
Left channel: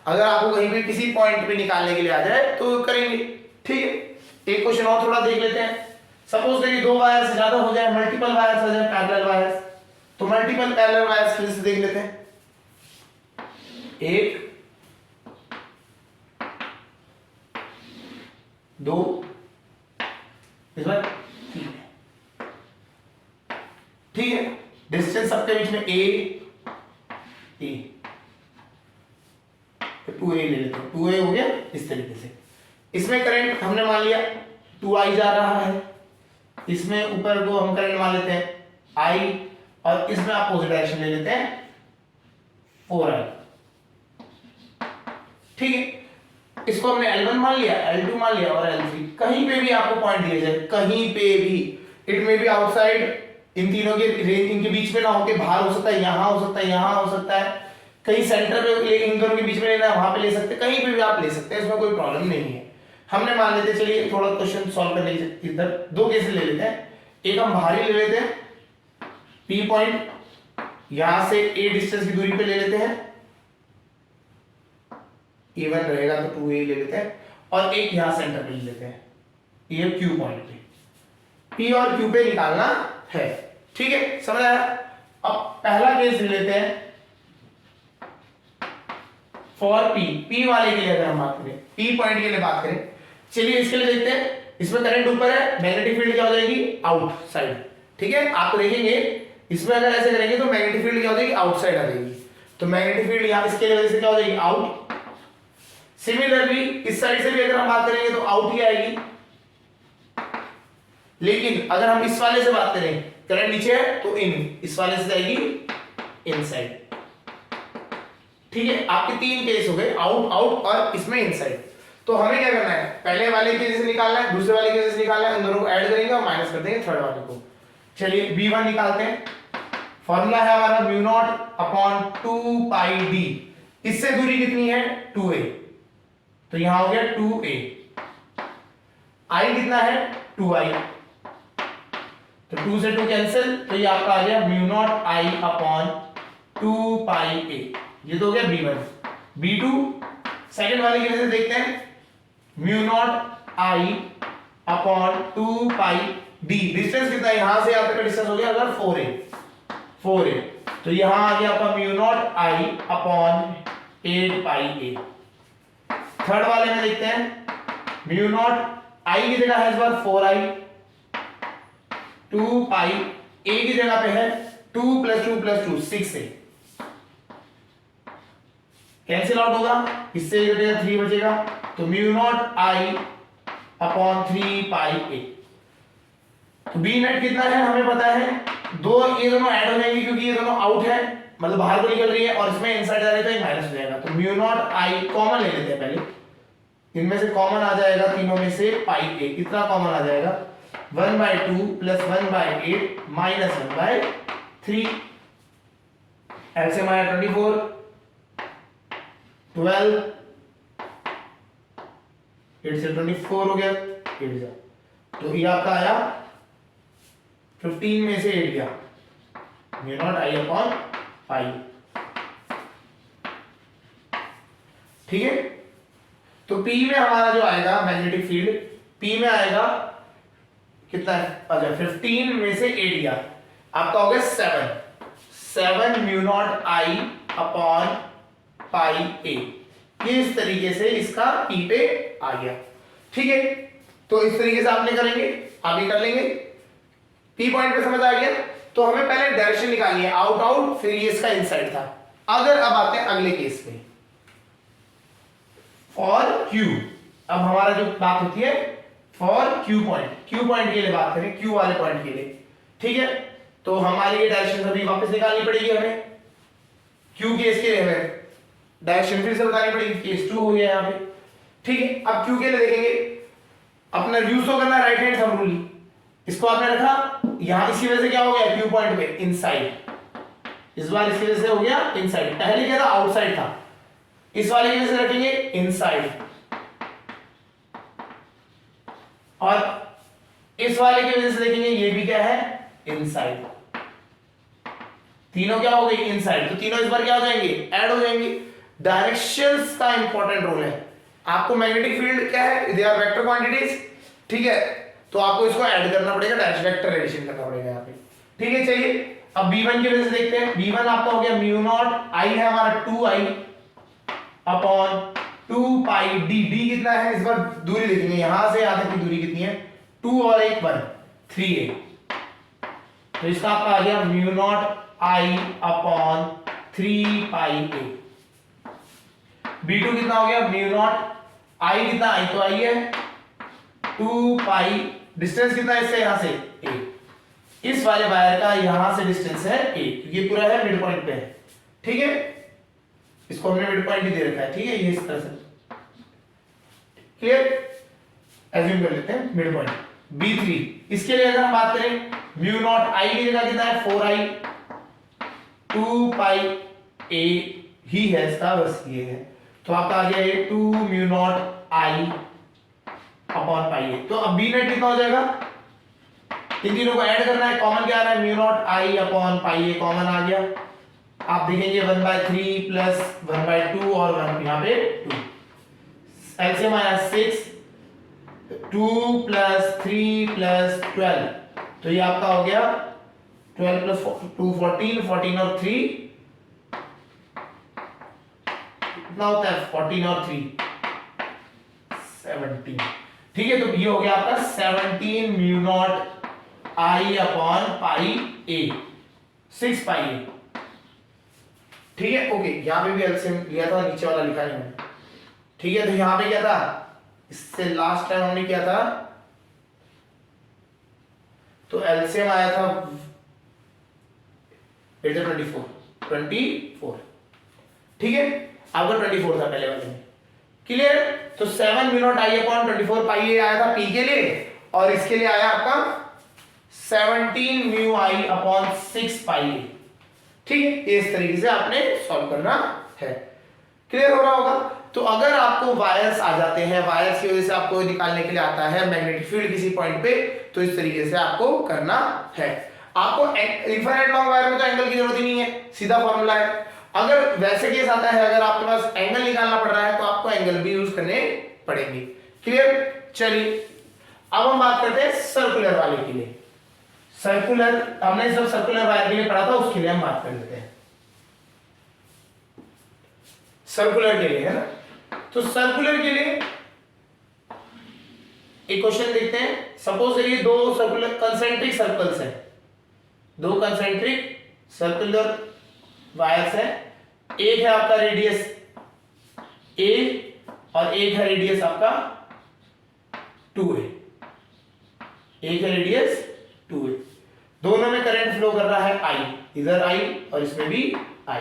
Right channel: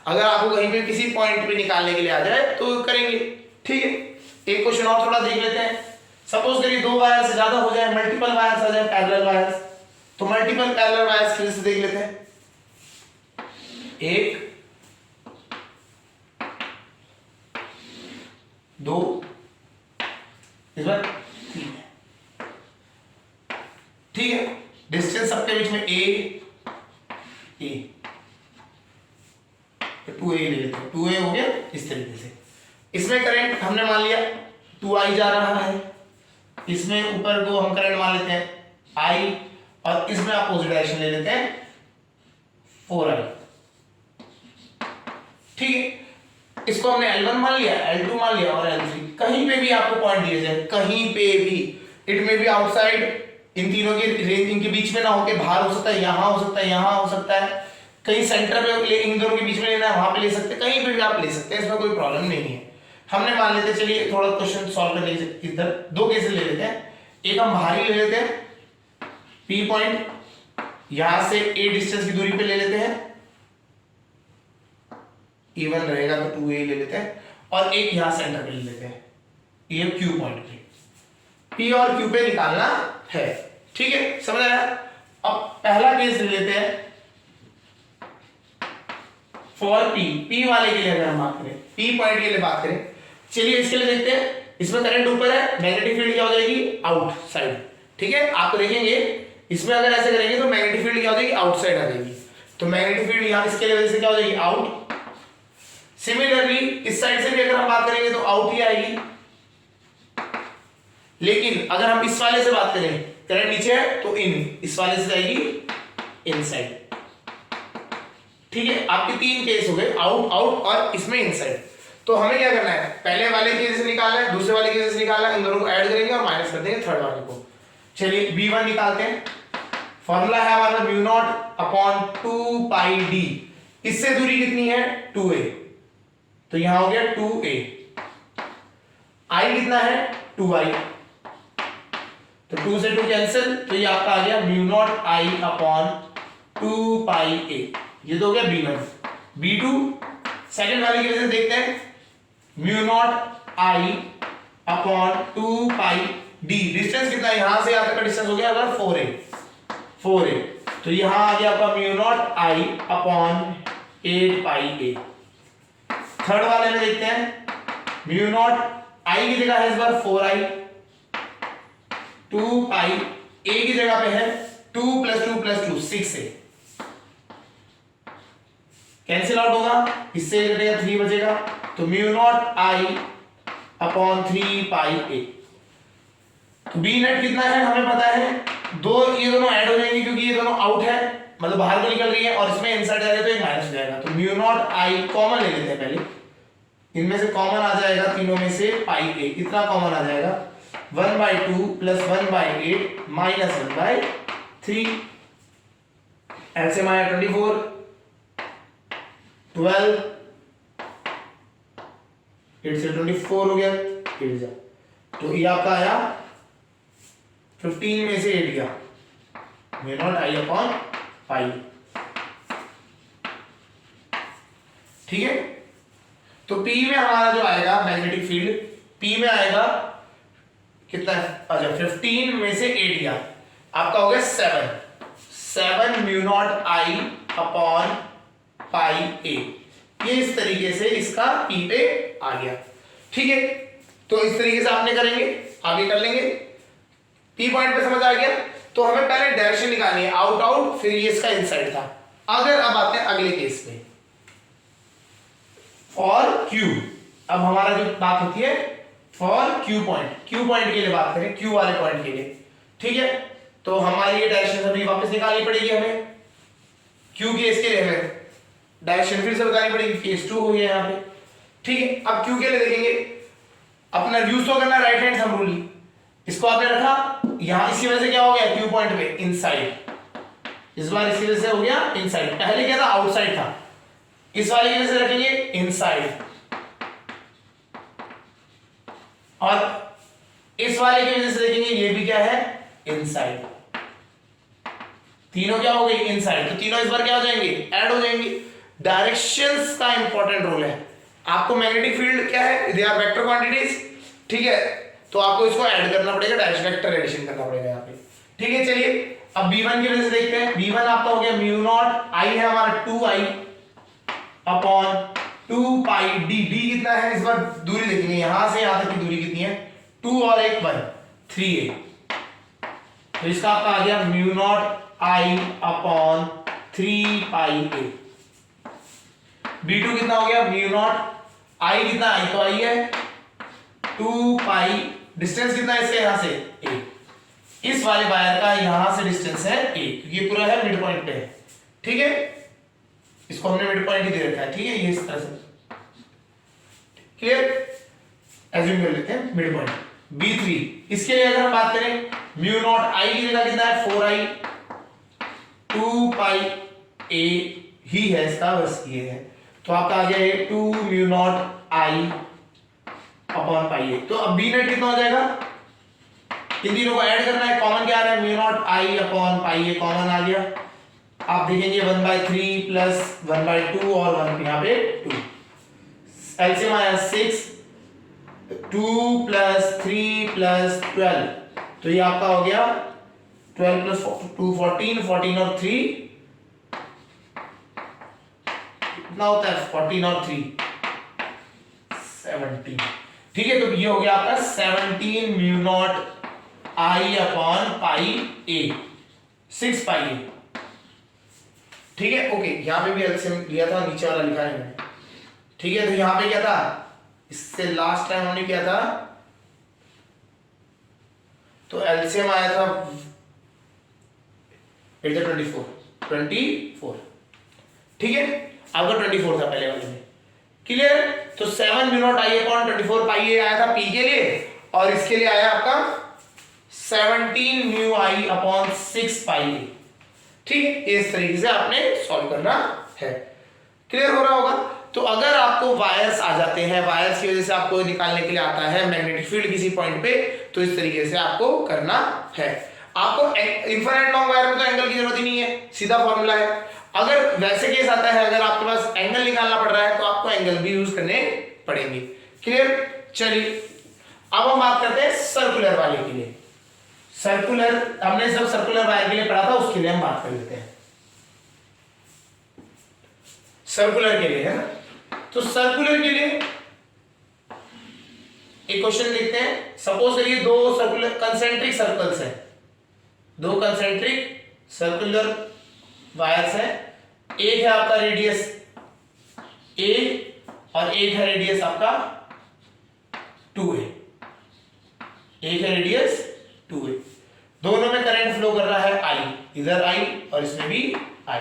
अगर आपको कहीं पे किसी पॉइंट पे निकालने के लिए आ जाए तो करेंगे, ठीक है। एक क्वेश्चन और थोड़ा देख लेते हैं, सपोज करिए 2 वायर से ज्यादा हो जाए, मल्टीपल वायर्स आ जाए, पैरेलल वायर्स, तो मल्टीपल पैरेलल वायर्स की लिस्ट देख लेते हैं। 1 2 इस बार 3 है, ठीक है। डिस्टेंस सबके बीच में ए 2a ले लेते हैं, 2a हो गया इस तरीके से। इसमें करंट हमने मान लिया 2i जा रहा है, इसमें ऊपर को हम करंट मान लेते हैं i, और इसमें अपोजिट डायरेक्शन ले लेते हैं 4i, ठीक है। इसको हमने L1 मान लिया, L2 मान लिया और L3। कहीं पे भी आपको पॉइंट दिए जाए, कहीं पे भी, इट में बी आउटसाइड, इन तीनों के रेंज इनके बीच में ना होके बाहर हो सकता है, यहां हो सकता है, यहां हो सकता है, कहीं सेंटर पे इन दोनों के बीच में लेना है वहां पे ले सकते हैं, कहीं पे भी आप ले सकते हैं, इसमें कोई प्रॉब्लम नहीं है। हमने मान लेते, चलिए थोड़ा क्वेश्चन सॉल्व करने के इधर 2 केसेस ले लेते हैं। एक हम बाहरी ले लेते हैं, P पॉइंट यहां से A डिस्टेंस की दूरी पे ले लेते हैं, E1 रहेगा तो 2a ले लेते हैं, और एक यहां सेंटर पे ले लेते हैं, ये Q पॉइंट पे, P और Q पे निकालना है, ठीक है, समझ आया। अब पहला केस ले लेते हैं फॉर P वाले के लिए, अगर हम बात करें P पॉइंट के लिए बात करें, चलिए इसके लिए देखते हैं। इसमें करंट ऊपर है, मैग्नेटिक फील्ड क्या हो जाएगी, आउटसाइड, ठीक है। आप देखेंगे इसमें अगर ऐसे करेंगे तो मैग्नेटिक फील्ड क्या हो जाएगी, आउटसाइड आ जाएगी, तो मैग्नेटिक फील्ड यहां इसके वजह से क्या हो जाएगी, आउट। सिमिलरली इस साइड से भी अगर हम बात करेंगे तो आउट ही आएगी, लेकिन अगर हम इस वाले से बात करें, करंट नीचे है तो इन, इस वाले से जाएगी इनसाइड, ठीक है। आपके 3 केस हो गए, आउट आउट और इसमें इनसाइड। तो हमें क्या करना है, पहले वाले केस से निकालना है, दूसरे वाले केस से निकालना है, इन दोनों को ऐड करेंगे और माइनस कर देंगे थर्ड वाले को। चलिए B1 निकालते हैं। फॉर्मूला है हमारा mu not upon 2 pi d, इससे दूरी कितनी है 2a, तो यहां हो गया 2a, i कितना है 2i, तो 2 से 2 कैंसिल, तो ये आपका आ गया mu naught i upon 2 pi a, ये तो हो गया B1। B2 सेकंड वाले की वजह से देखते हैं, mu naught i upon 2 pi d, distance कितना है यहां से यहां तक का डिस्टेंस हो गया अगर 4a, तो यहां आ गया आपका mu naught i upon 8 pi a। Third वाले में देखते हैं, म्यू नॉट i की जगह है इस बार 4i, 2 पाई a की जगह पे है 2 + 2 + 2 6a, कैंसिल आउट होगा, इससे बचेगा 3 बचेगा, तो mu naught i upon 3 pi a। तो बी नेट कितना है हमें पता है, ये दोनों ऐड हो जाएंगे क्योंकि ये दोनों आउट है, मतलब बाहर को निकल रही है, और इसमें इनसाइड जा रही है तो ये माइनस हो जाएगा, तो म्यू नॉट i कॉमन ले लेते हैं पहले, इनमें से कॉमन आ जाएगा तीनों में से पाई a, कितना कॉमन आ जाएगा 1/2 + 1/8 माइनस 1/3, ऐसे में आया 24 12 8 से 24 हो गया 8 जा, तो ये आपका आया 15 में से 8 गया, mu naught i upon pi, ठीक है। तो P में हमारा जो आएगा मैग्नेटिक फील्ड, P में आएगा कितना है, अच्छा 15 में से 8 गया, आपका हो गया 7 mu naught i upon pi a, ये इस तरीके से इसका P पे आ गया, ठीक है। तो इस तरीके से आपने करेंगे, आगे कर लेंगे। P पॉइंट पे समझ आ गया, तो हमें पहले डायरेक्शन निकालनी है, आउट आउट, फिर ये इसका इनसाइड था। अगर अब आते हैं अगले केस पे, फॉर Q, अब हमारा जो बात होती है फॉर Q पॉइंट के लिए बात करें, Q वाले पॉइंट के लिए, ठीक है। तो हमारी ये डायरेक्शन अभी वापस निकालनी पड़ेगी हमें, Q केस के लिए हमें डायरेक्शन फिर से बतानी पड़ेगी, केस 2 हो गया यहाँ पे, ठीक है। अब Q के लिए देखेंगे, अपना यूज तो करना राइट हैंड थंब रूल, इसको आपने रखा यहां, इसकी वजह से क्या हो गया Q पॉइंट पे इनसाइड, इस बार इसकी वजह से हो गया इनसाइड, पहले क्या था आउटसाइड था, इस वाले की वजह से रखेंगे इनसाइड, और इस वाले की वजह से देखेंगे ये भी क्या है इनसाइड, तीनों क्या हो गई इनसाइड, तो तीनों इस बार क्या हो जाएंगे ऐड हो जाएंगे। डायरेक्शंस का इंपॉर्टेंट रोल है, आपको मैग्नेटिक फील्ड क्या है, दे आर वेक्टर क्वांटिटीज, ठीक है। तो आपको इसको ऐड करना पड़ेगा, डायरेक्ट वेक्टर एडिशन करना पड़ेगा यहाँ पे। ठीक है, चलिए अब b1 की वजह से देखते हैं। b1 आपका हो गया म्यू नॉट, आई है हमारा 2i upon 2 pi D. D कितना है, इस बार दूरी देखेंगे, यहां से यहां तक की दूरी कितनी है, 2 और 1 1 3a। तो इसका आपका आ गया mu naught I upon 3 pi a। b2 कितना हो गया, म्यू नॉट आई कितना, आई तो आई है 2 पाई, डिस्टेंस कितना है इससे यहां से a, इस वाले वायर का यहां से डिस्टेंस है a, ये पूरा है मिड पॉइंट पे है। ठीक है, इसको हमने मिड पॉइंट ही दे रखा है। ठीक है, ये इस तरह से क्लियर, एज्यूम कर लेते हैं मिड पॉइंट। b3 इसके लिए अगर हम बात करें, म्यू नॉट आई की जगह कितना है 4i 2 पाई a ही है इसका, बस ये है। तो आपका आ गया 2 mu naught I upon pi a। तो अब b नेट कितना हो जाएगा, इन तीनों को ऐड करना है, कॉमन क्या आ रहा है, mu not I upon pi a common आ गया। आप देखेंगे 1/3 प्लस 1/2 और 1 यहाँ पे 2, एलसीएम आया 6, 2 प्लस 3 प्लस 12, तो ये आपका हो गया 12 प्लस 2 14, 14 और 3 कितना होता है, 14 और 3 17। ठीक है, तो ये हो गया आपका 17 mu naught I upon pi a, 6 pi a। ठीक है, ओके, यहां पे भी एलसीएम लिया था, नीचे वाला लिखा है मैंने। ठीक है, तो यहां पे क्या था, इससे लास्ट टाइम हमने किया था, तो एलसीएम आया था 24। ठीक है, आपका 24 था पहले वाले में। क्लियर, तो 7 म्यू नॉट आई अपॉन 24 पाई ए आया था पी के लिए, और इसके लिए आया आपका 17 म्यू आई अपॉन 6 पाई ए। ठीक है, इस तरीके से आपने सॉल्व करना है। क्लियर हो रहा होगा। तो अगर आपको वायर्स आ जाते हैं, वायर्स की वजह से आपको निकालने के लिए आता है मैग्नेटिक फील्ड किसी पॉइंट पे, तो इस तरीके से आपको करना है। आपको इनफाइनाइट लॉन्ग वायर में तो एंगल की जरूरत ही नहीं है, सीधा फॉर्मूला है। अगर वैसे केस आता है, अगर आपके पास एंगल निकालना पड़ रहा है, तो आपको एंगल भी यूज करने पड़ेंगे। क्लियर, चलिए अब हम बात करते हैं सर्कुलर वाले के लिए। सर्कुलर हमने सब सर्कुलर वायर के लिए पढ़ा था, उसके लिए हम बात कर लेते हैं सर्कुलर के लिए, है ना। तो सर्कुलर के लिए एक क्वेश्चन देखते हैं। सपोज करिए दो सर्कुलर कंसेंट्रिक सर्कल्स हैं, दो कंसेंट्रिक सर्कुलर वायर्स हैं। एक है आपका रेडियस a और एक है रेडियस आपका 2a। एक है रेडियस 2a, दोनों में करंट फ्लो कर रहा है I, इधर I और इसमें भी I।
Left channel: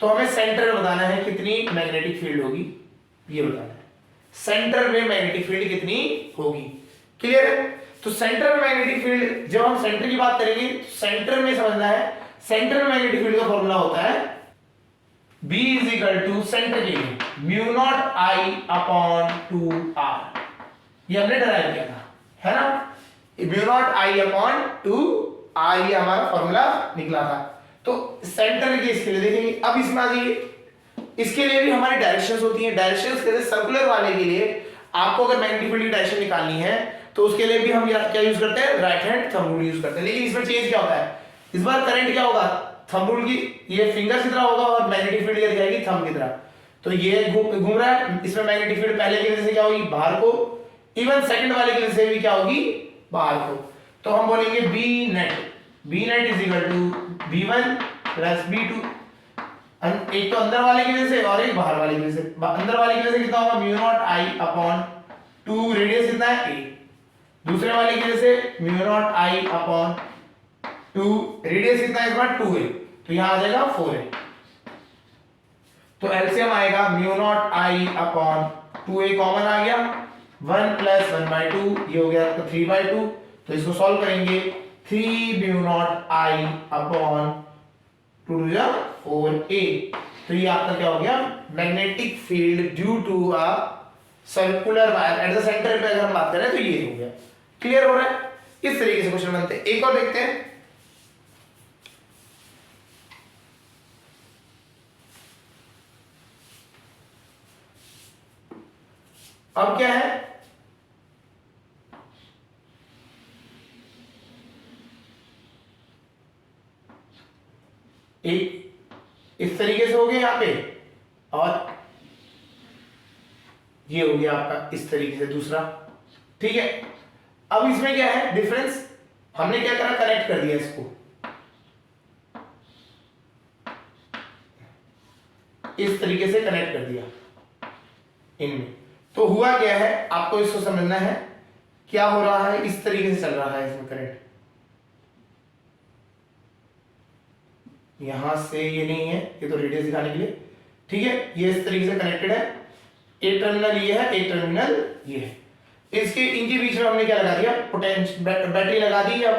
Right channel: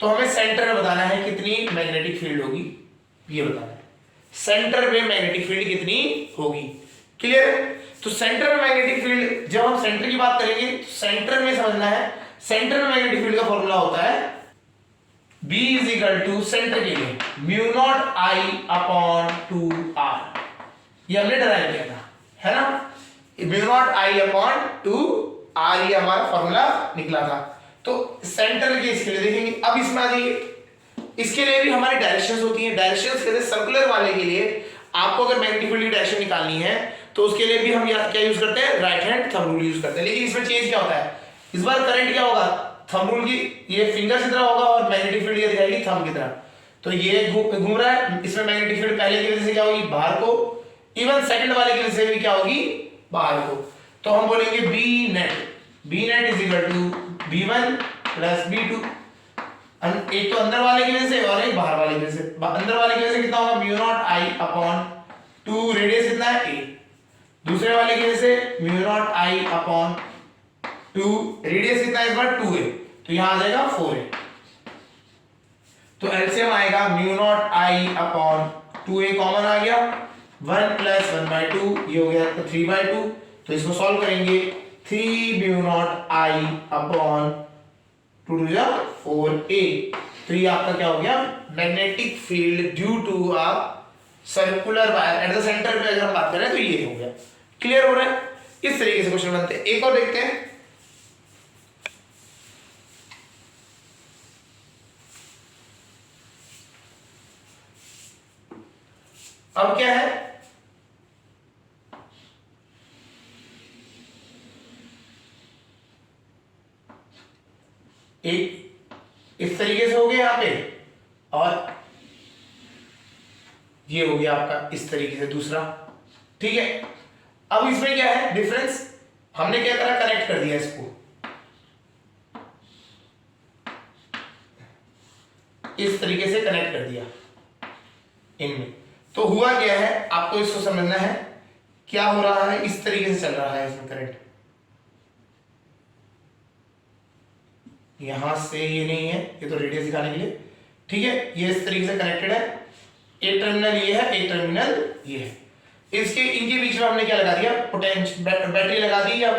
तो हमें सेंटर में बताना है कितनी मैग्नेटिक फील्ड होगी, ये बताना है सेंटर में मैग्नेटिक फील्ड कितनी होगी। क्लियर है। तो सेंटर में मैग्नेटिक फील्ड, जब हम सेंटर की बात करेंगे तो सेंटर में समझना है, सेंटर में मैग्नेटिक फील्ड का फॉर्मूला होता है B is equal to centre के लिए mu naught I upon 2R। ये हमने डराइव किया था, है ना। Mu naught I upon 2R, ये हमारा फॉर्मूला निकला था। तो सेंटर के इसके लिए देखेंगे। अब इसमें आ जाइए, इसके लिए भी हमारी डायरेक्शंस होती हैं। डायरेक्शंस के लिए सर्कुलर वाले के लिए आपको अगर मैग्नेटिक फील्ड की डायरेक्शन निकालनी है, तो उसके लिए भी हम क्या यूज करते हैं, right hand thumb rule use करते हैं। लेकिन इसमें चेंज क्या होता है, इस बार करंट क्या होगा, थंब रूल की ये फिंगर की तरह होगा और मैग्नेटिक फील्ड ये दिखाएगी थंब की तरह। तो ये घूम रहा है, इसमें मैग्नेटिक फील्ड पहले की वजह से क्या होगी, बाहर को, इवन सेकंड वाले की वजह से भी क्या होगी, बाहर को। तो हम बोलेंगे B net is equal to b1 plus b2। एक तो अंदर वाले की वजह से और एक बाहर वाले की वजह से। अंदर वाले की वजह से कितना होगा, mu naught I upon 2, radius कितना है a। दूसरे वाले की वजह से mu naught I upon 2, radius कितना है इस बार 2a, तो यहां आ जाएगा 4a। तो एलसीएम आएगा mu not I upon 2a common आ गया, 1 प्लस 1/2, ये हो गया 3/2। तो इसको सॉल्व करेंगे, 3 mu not I upon 2 to 4a। तो ये आपका क्या हो गया, magnetic field due to a circular wire at the centre पे अगर हम बात करें तो ये हो गया। क्लियर हो रहा है। इस तरीके से क्वेश्चन बनते हैं। एक और देखते हैं। अब क्या है, और ये हो गया आपका इस तरीके से दूसरा। ठीक है, अब इसमें क्या है डिफरेंस, हमने क्या करा, कनेक्ट कर दिया इसको इस तरीके से कनेक्ट कर दिया इनमें। तो हुआ क्या है, आपको इसको समझना है क्या हो रहा है, इस तरीके से चल रहा है इसमें करंट, यहां से ये नहीं है, ये तो रेडियस दिखाने के लिए। ठीक है, ये इस तरीके से कनेक्टेड है, ए टर्मिनल ये है, ए टर्मिनल ये है, इसके इनके बीच में हमने क्या लगा दिया, पोटेंशियल बैटरी लगा दी, या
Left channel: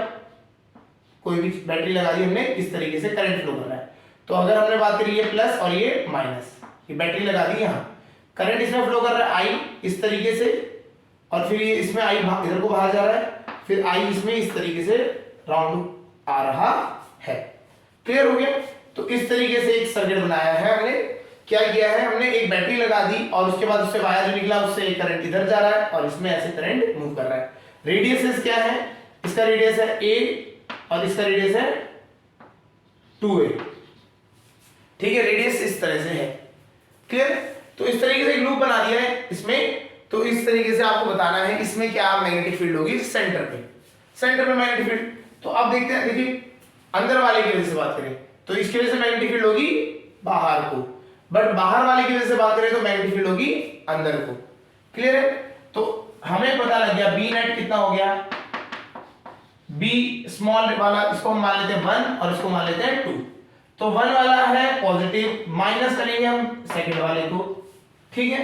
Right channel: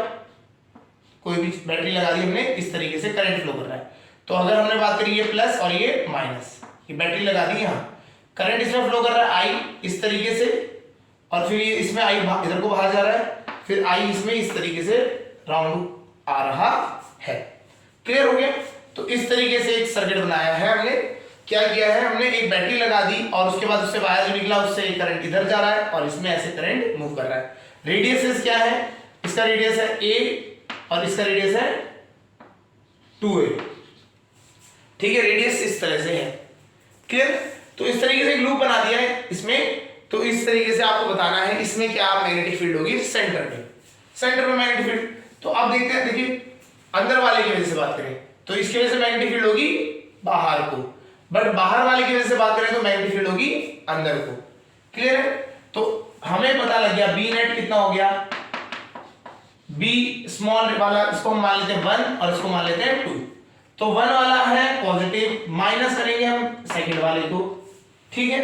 कोई भी बैटरी लगा दी हमने, इस तरीके से करंट फ्लो कर रहा है। तो अगर हमने बात करी ये प्लस और ये माइनस, ये बैटरी लगा दी यहाँ, करंट इसमें फ्लो कर रहा है आई इस तरीके से, और फिर ये इसमें आई इधर को बाहर जा रहा है, फिर आई इसमें इस तरीके से राउंड आ रहा है। क्लियर हो गया? तो इस तरीके से एक सर्किट बनाया है हमने। क्या किया है हमने, एक बैटरी लगा दी और उसके बाद उससे वायर जो निकला उससे करंट इधर जा रहा है और इसमें ऐसे करंट मूव कर रहा है। रेडियस क्या है, इसका रेडियस है a और इसका रेडियस है 2a। ठीक है, रेडियस इस तरह से है। क्लियर? तो इस तरीके से एक लूप बना दिया है इसमें। तो इस तरीके से आपको बताना है इसमें क्या मैग्नेटिक फील्ड होगी सेंटर पे, सेंटर में मैग्नेटिक फील्ड। तो अब देखते हैं, देखिए अंदर वाले की वजह से बात करें तो इसकी वजह से मैग्नेटिक फील्ड होगी बाहर को, बट बाहर वाले की वजह से बात करें तो मैग्नेटिक फील्ड होगी अंदर को। क्लियर है? तो हमें पता लग गया बी नेट कितना हो गया, बी स्मॉल वाला इसको हम मान लेते हैं 1 और इसको मान लेते हैं 2। तो 1 वाला है पॉजिटिव, माइनस करेंगे हम सेकंड वाले को। ठीक है,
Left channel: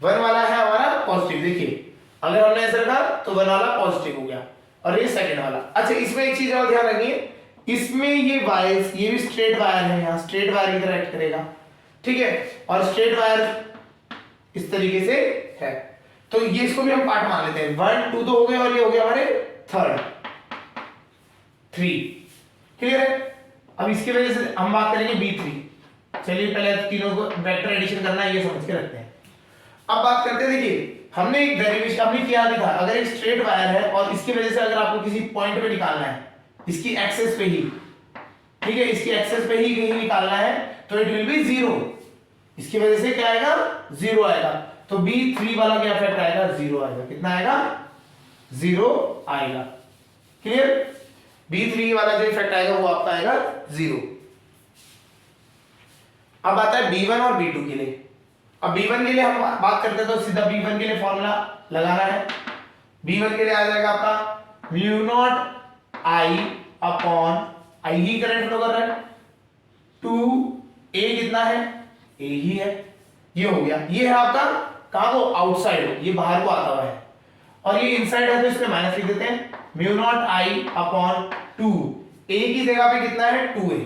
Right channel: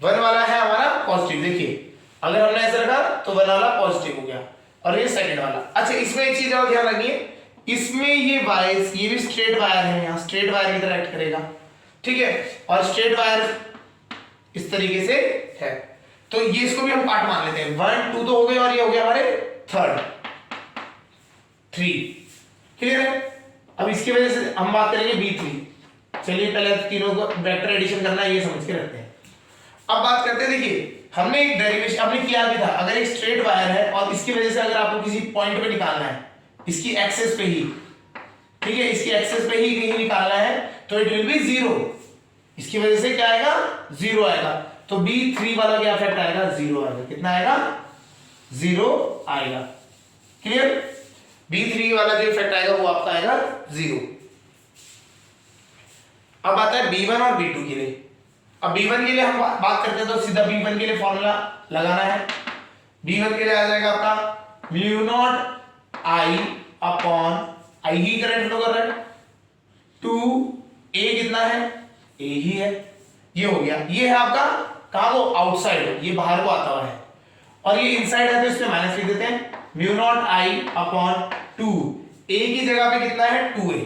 1 वाला है हमारा पॉजिटिव। देखिए अगर हमने ऐसा रखा तो 1 वाला पॉजिटिव हो गया और ये सेकंड वाला। अच्छा, इसमें एक चीज और ध्यान रखिए, इसमें ये वायर, ये भी स्ट्रेट वायर है, यहाँ स्ट्रेट वायर की तरह एक्ट करेगा। ठीक है, और स्ट्रेट वायर इस तरीके से है, तो ये इसको भी हम पार्ट मान लेते हैं। 1 2 तो हो गए और ये हो गया हमारे थर्ड 3। क्लियर है? अब इसकी वजह से हम बात करेंगे B3। चलिए पहले तीनों को वेक्टर एडिशन करना है, ये समझ के रखते हैं। अब बात करते हैं, देखिए हमने एक डेरिवेशन हमने किया भी था, अगर एक स्ट्रेट वायर है और इसकी वजह से अगर आपको किसी पॉइंट पे निकालना है, इसकी एक्सेस पे ही, ठीक है, इसकी एक्सेस पे ही कहीं निकालना है, तो इट विल बी 0। इसकी वजह से क्या आएगा, 0 आएगा। तो B3 वाला क्या इफेक्ट आएगा, 0 आएगा। कितना आएगा, 0 आएगा। क्लियर? B3 वाला जो इफेक्ट आएगा वो आपका आएगा 0। अब आता है B1 और B2 के लिए। अब B1 के लिए हम बात करते हैं तो सीधा B1 के लिए फॉर्मूला लगाना है। B1 के लिए आ जाएगा आपका mu naught I upon I he current flow कर रहा है, 2A कितना है, A ही है। ये हो गया, ये है आपका कहां को, आउटसाइड, ये बाहर को आता हुआ है, और ये इनसाइड है तो इसमें माइनस लिख देते हैं। Mu naught I upon 2, A की जगह पे कितना है 2A,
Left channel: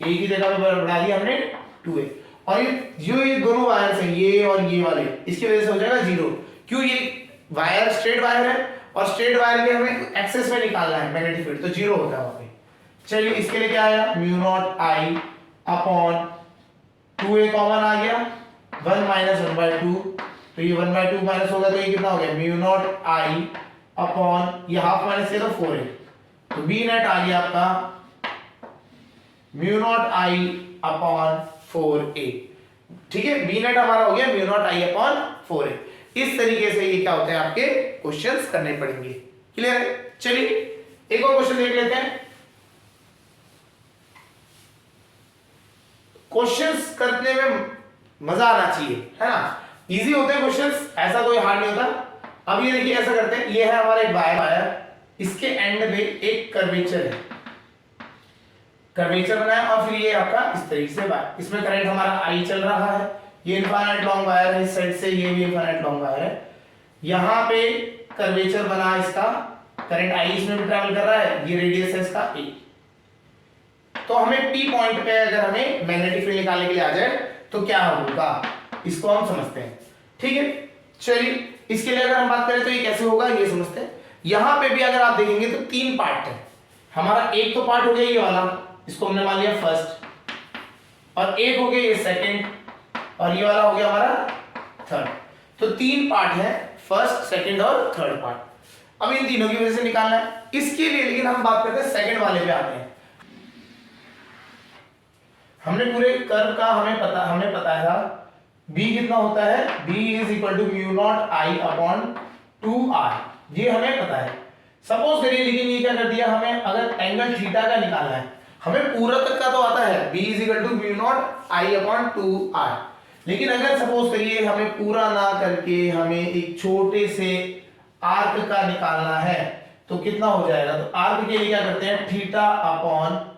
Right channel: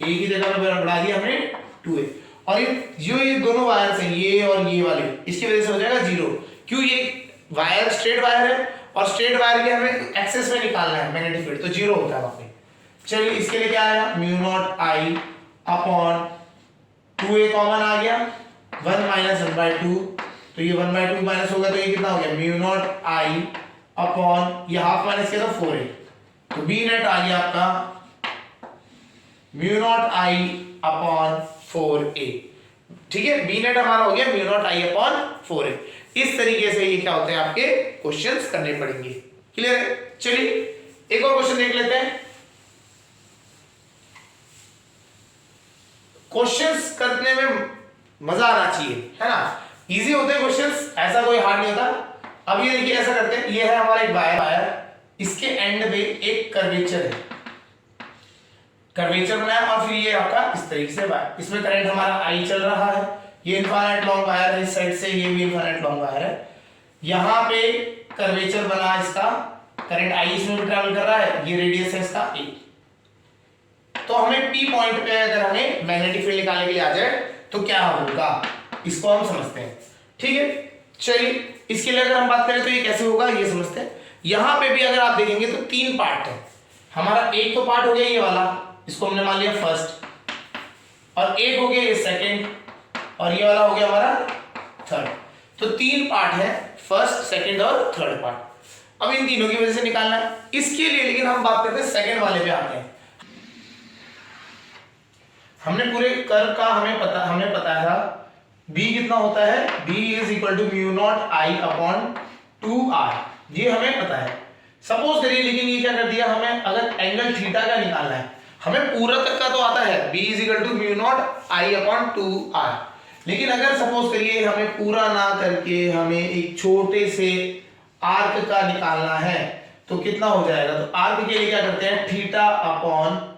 A की जगह पे बढ़ा दिया हमने 2A, और ये दोनों वायर हैं, ये और ये वाले, इसकी वजह से हो जाएगा 0। क्यों, ये वायर स्ट्रेट वायर है और स्ट्रेट वायर के हमें एक्सेस में निकालना है मैग्नेटिक फील्ड, तो 0 होता है वहां पे। चलिए इसके लिए क्या आया, mu not I upon 2A common आ गया, 1 माइनस 1/2, तो ये 1/2 माइनस होगा तो ये कितना हो गया, म्यू नॉट I अपॉन ये हाफ माइनस किया तो 4A, तो बी नेट आ गया आपका mu naught I upon 4A। ठीक है, बी नेट हमारा हो गया mu naught I upon 4A। इस तरीके से ये क्या होते हैं आपके क्वेश्चंस करने पड़ेंगे। क्लियर है? चलिए एक और क्वेश्चन देख लेते हैं। क्वेश्चंस करने में मजा आना चाहिए, है ना, इजी होते हैं क्वेश्चंस, ऐसा कोई हार्ड नहीं होता। अब ये देखिए ऐसा करते हैं, ये है हमारा एक वायर, इसके एंड पे एक कर्वेचर है, कर्वेचर बनाया और फिर ये आपका इस तरीके से वायर, इसमें करंट हमारा I चल रहा है, ये इनफाइनाइट लॉन्ग वायर है इस साइड से, ये भी इनफाइनाइट लॉन्ग वायर है, यहाँ पे कर्वेचर बना इसका, करंट I इसमें भी ट्रैवल कर रहा है, ये रेडियस है इसका A। तो हमें P पॉइंट पे अगर हमें मैग्नेटिक फील्ड निकालने के लिए आ जाए तो क्या होगा, इसको हम समझते हैं। ठीक है, चलिए इसके लिए अगर हम बात करें तो ये कैसे होगा ये समझते हैं। यहां पे भी अगर आप देखेंगे तो 3 पार्ट है हमारा, एक तो पार्ट हो गया ये वाला, इसको हमने मान लिया फर्स्ट, और एक हो गया ये सेकंड, और ये वाला हो गया हमारा थर्ड। तो 3 पार्ट है, फर्स्ट सेकंड और थर्ड पार्ट। अब इन तीनों की वजह से निकालना है इसके लिए, लेकिन हम बात करते हैं सेकंड वाले पे आते हैं। हमने पूरे कर्व का हमें पता था b कितना होता है, b is equal to mu not I upon 2r, ये हमें पता है। सपोज करिए, लेकिन ये क्या कर दिया, हमें अगर एंगल थीटा का निकालना है, हमें पूरा तक का तो आता है, b is equal to mu not I upon 2r, लेकिन अगर सपोज करिए हमें पूरा ना करके हमें एक छोटे से आर्क का निकालना है, तो कितना हो जाएगा, तो आर्क के लिए क्या करते हैं, थीटा अपॉन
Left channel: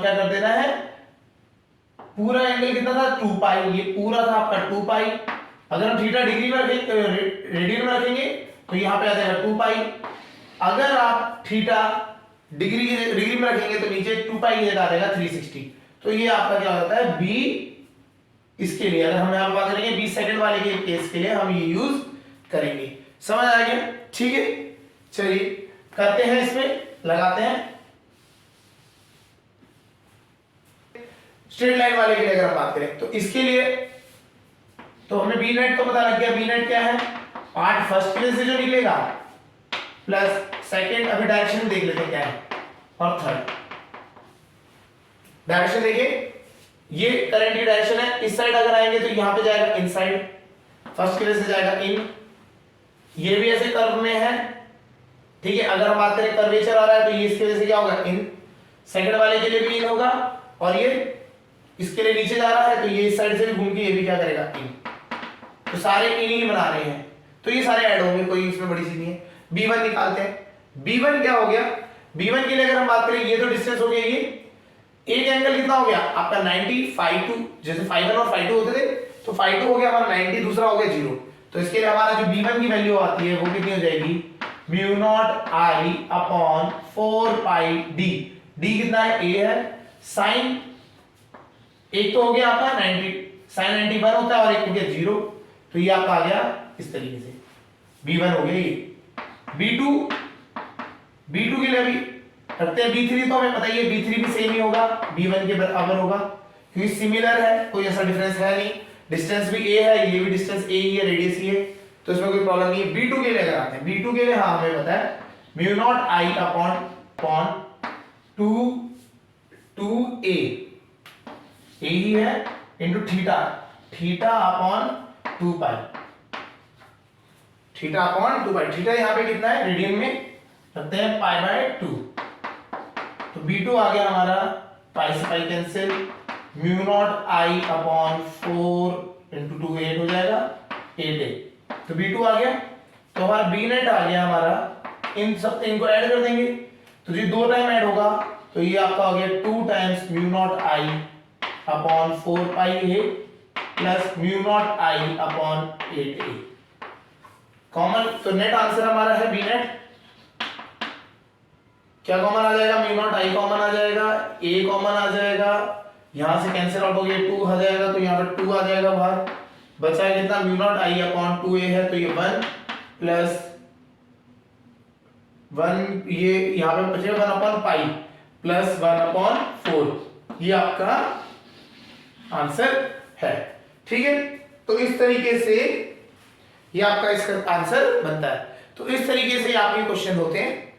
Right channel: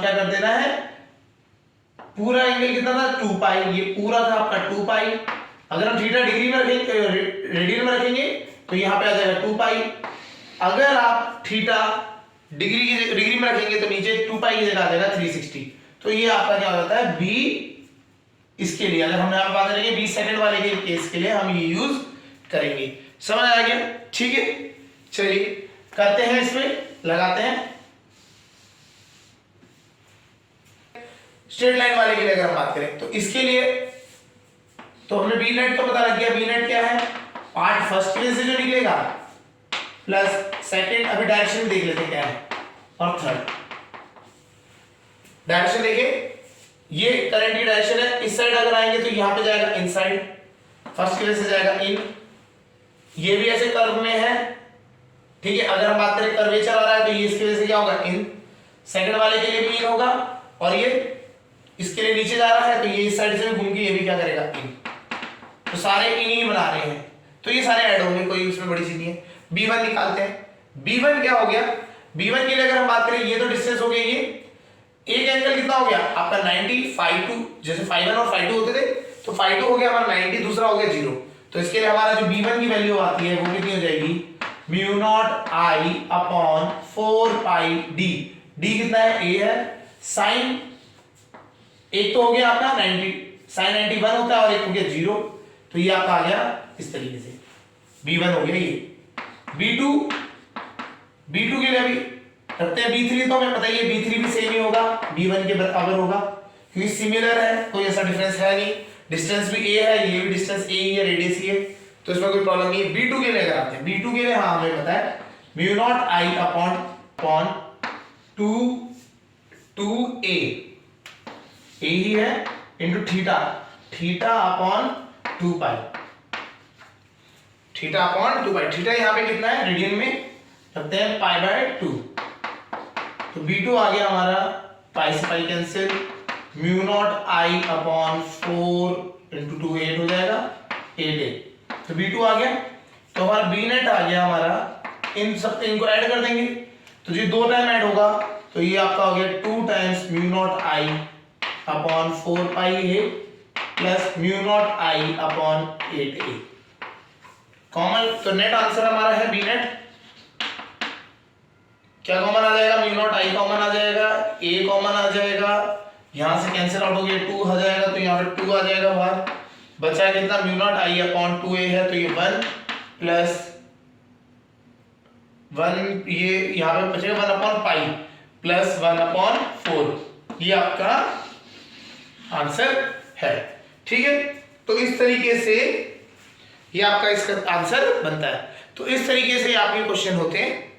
क्या कर देना है, पूरा एंगल कितना था 2 पाई, ये पूरा था आपका 2 पाई। अगर हम थीटा डिग्री में रखेंगे, रेडियन में रखेंगे, तो यहाँ पे आ जाएगा 2 पाई। अगर आप थीटा डिग्री में रखेंगे तो नीचे 2 पाई की जगह आ जाएगा 360। तो ये आपका क्या होता है, b इसके लिए, अगर हम यहाँ पे बात करेंगे 20 सेकंड वाले के केस के लिए हम ये यूज करेंगे। समझ आ गया, ठीक है। चलिए करते हैं, इसमें लगाते हैं। स्ट्रेट लाइन वाले के लिए अगर हम बात करें तो इसके लिए तो हमें बी नेट तो पता लग गया, बी नेट क्या है, पार्ट फर्स्ट के से जो निकलेगा प्लस सेकंड, अभी डायरेक्शन देख लेते हैं क्या है, और थर्ड डायरेक्शन देखिए, ये करंट की डायरेक्शन है, इस साइड अगर आएंगे तो यहां पे जाएगा इनसाइड, फर्स्ट के से जाएगा इन, ये भी ऐसे कर्व में है, ठीक है। अगर हम बात करें कर्वेचर आ रहा है तो ये इसके वजह से क्या होगा, इन, सेकंड वाले के लिए भी इन होगा, और ये इसके लिए नीचे जा रहा है तो ये इस साइड से भी घूम के ये भी क्या करेगा, इन। तो सारे इन ही बना रहे हैं, तो ये सारे ऐड होंगे, कोई उसमें बड़ी सी नहीं है। b1 निकालते हैं, b1 क्या हो गया, b1 के लिए अगर हम बात करें, ये तो डिस्टेंस हो गया, ये एक एंगल कितना हो गया आपका 90, φ2, जैसे φ1 और φ2 होते थे, तो φ2 हो गया हमारा 90, दूसरा हो गया 0। तो इसके लिए हमारा जो b1 की वैल्यू आती है वो कितनी हो जाएगी, mu naught I upon 4 pi d, d कितना है, a है, साइन एक तो हो गया आपका 90, साइन 91 होता है, और एक हो गया 0, तो ये आपका आ गया इस तरीके से, b1 हो गया ये। b2 के लिए अभी करते हैं, b3 तो हमें पता ही है, b3 भी सेम ही होगा, b1 के बराबर होगा, क्योंकि सिमिलर है, कोई ऐसा डिफरेंस है नहीं, डिस्टेंस भी a है, ये भी डिस्टेंस a ही है, रेडियस ही है, तो इसमें कोई प्रॉब्लम नहीं है। b2 के लिए अगर आते हैं, b2 के लिए हाँ हमें पता है, mu not I upon 2a ही है इंटू थीटा अपॉन 2 पाई, थीटा यहाँ पे कितना है, रेडियन में रखते हैं π/2, तो b2 आ गया हमारा, पाई से pi cancel, mu naught I upon 4 into 2 8 हो जाएगा, 8a, तो b2 आ गया। तो हमारा b नेट आ गया हमारा, इन सब इनको ऐड कर देंगे, तो ये 2 टाइम ऐड होगा, तो ये आपका हो गया 2 times mu naught I upon 4 pi a plus mu naught I upon 8a, common, तो नेट आंसर हमारा है बी नेट, क्या कॉमन आ जाएगा, म्यू नॉट आई कॉमन आ जाएगा, a कॉमन आ जाएगा, यहां से कैंसिल आउट हो गया, 2 आ जाएगा, तो यहाँ पे 2 आ जाएगा बाहर, बचा है कितना, mu naught I upon 2a है, तो ये 1 प्लस 1, ये यहाँ पे बचेगा 1 अपॉन पाई प्लस 1 अपॉन 4, ये आपका आंसर है, ठीक है। तो इस तरीके से ये आपका इसका आंसर बनता है। तो इस तरीके से आपके क्वेश्चन होते हैं,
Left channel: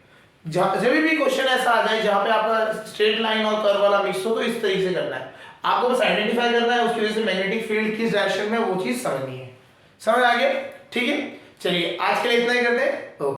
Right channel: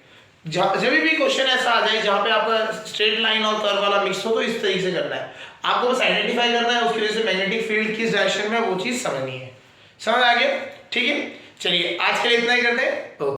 जब भी क्वेश्चन ऐसा आ जाए जहां पे आपका स्ट्रेट लाइन और कर्व वाला मिक्स हो, तो इस तरीके से करना है, आपको बस आइडेंटिफाई करना है, उसकी वजह से मैग्नेटिक फील्ड किस डायरेक्शन में, वो चीज समझनी है। समझ आ गया, ठीक है। चलिए आज के लिए इतना ही करते हैं।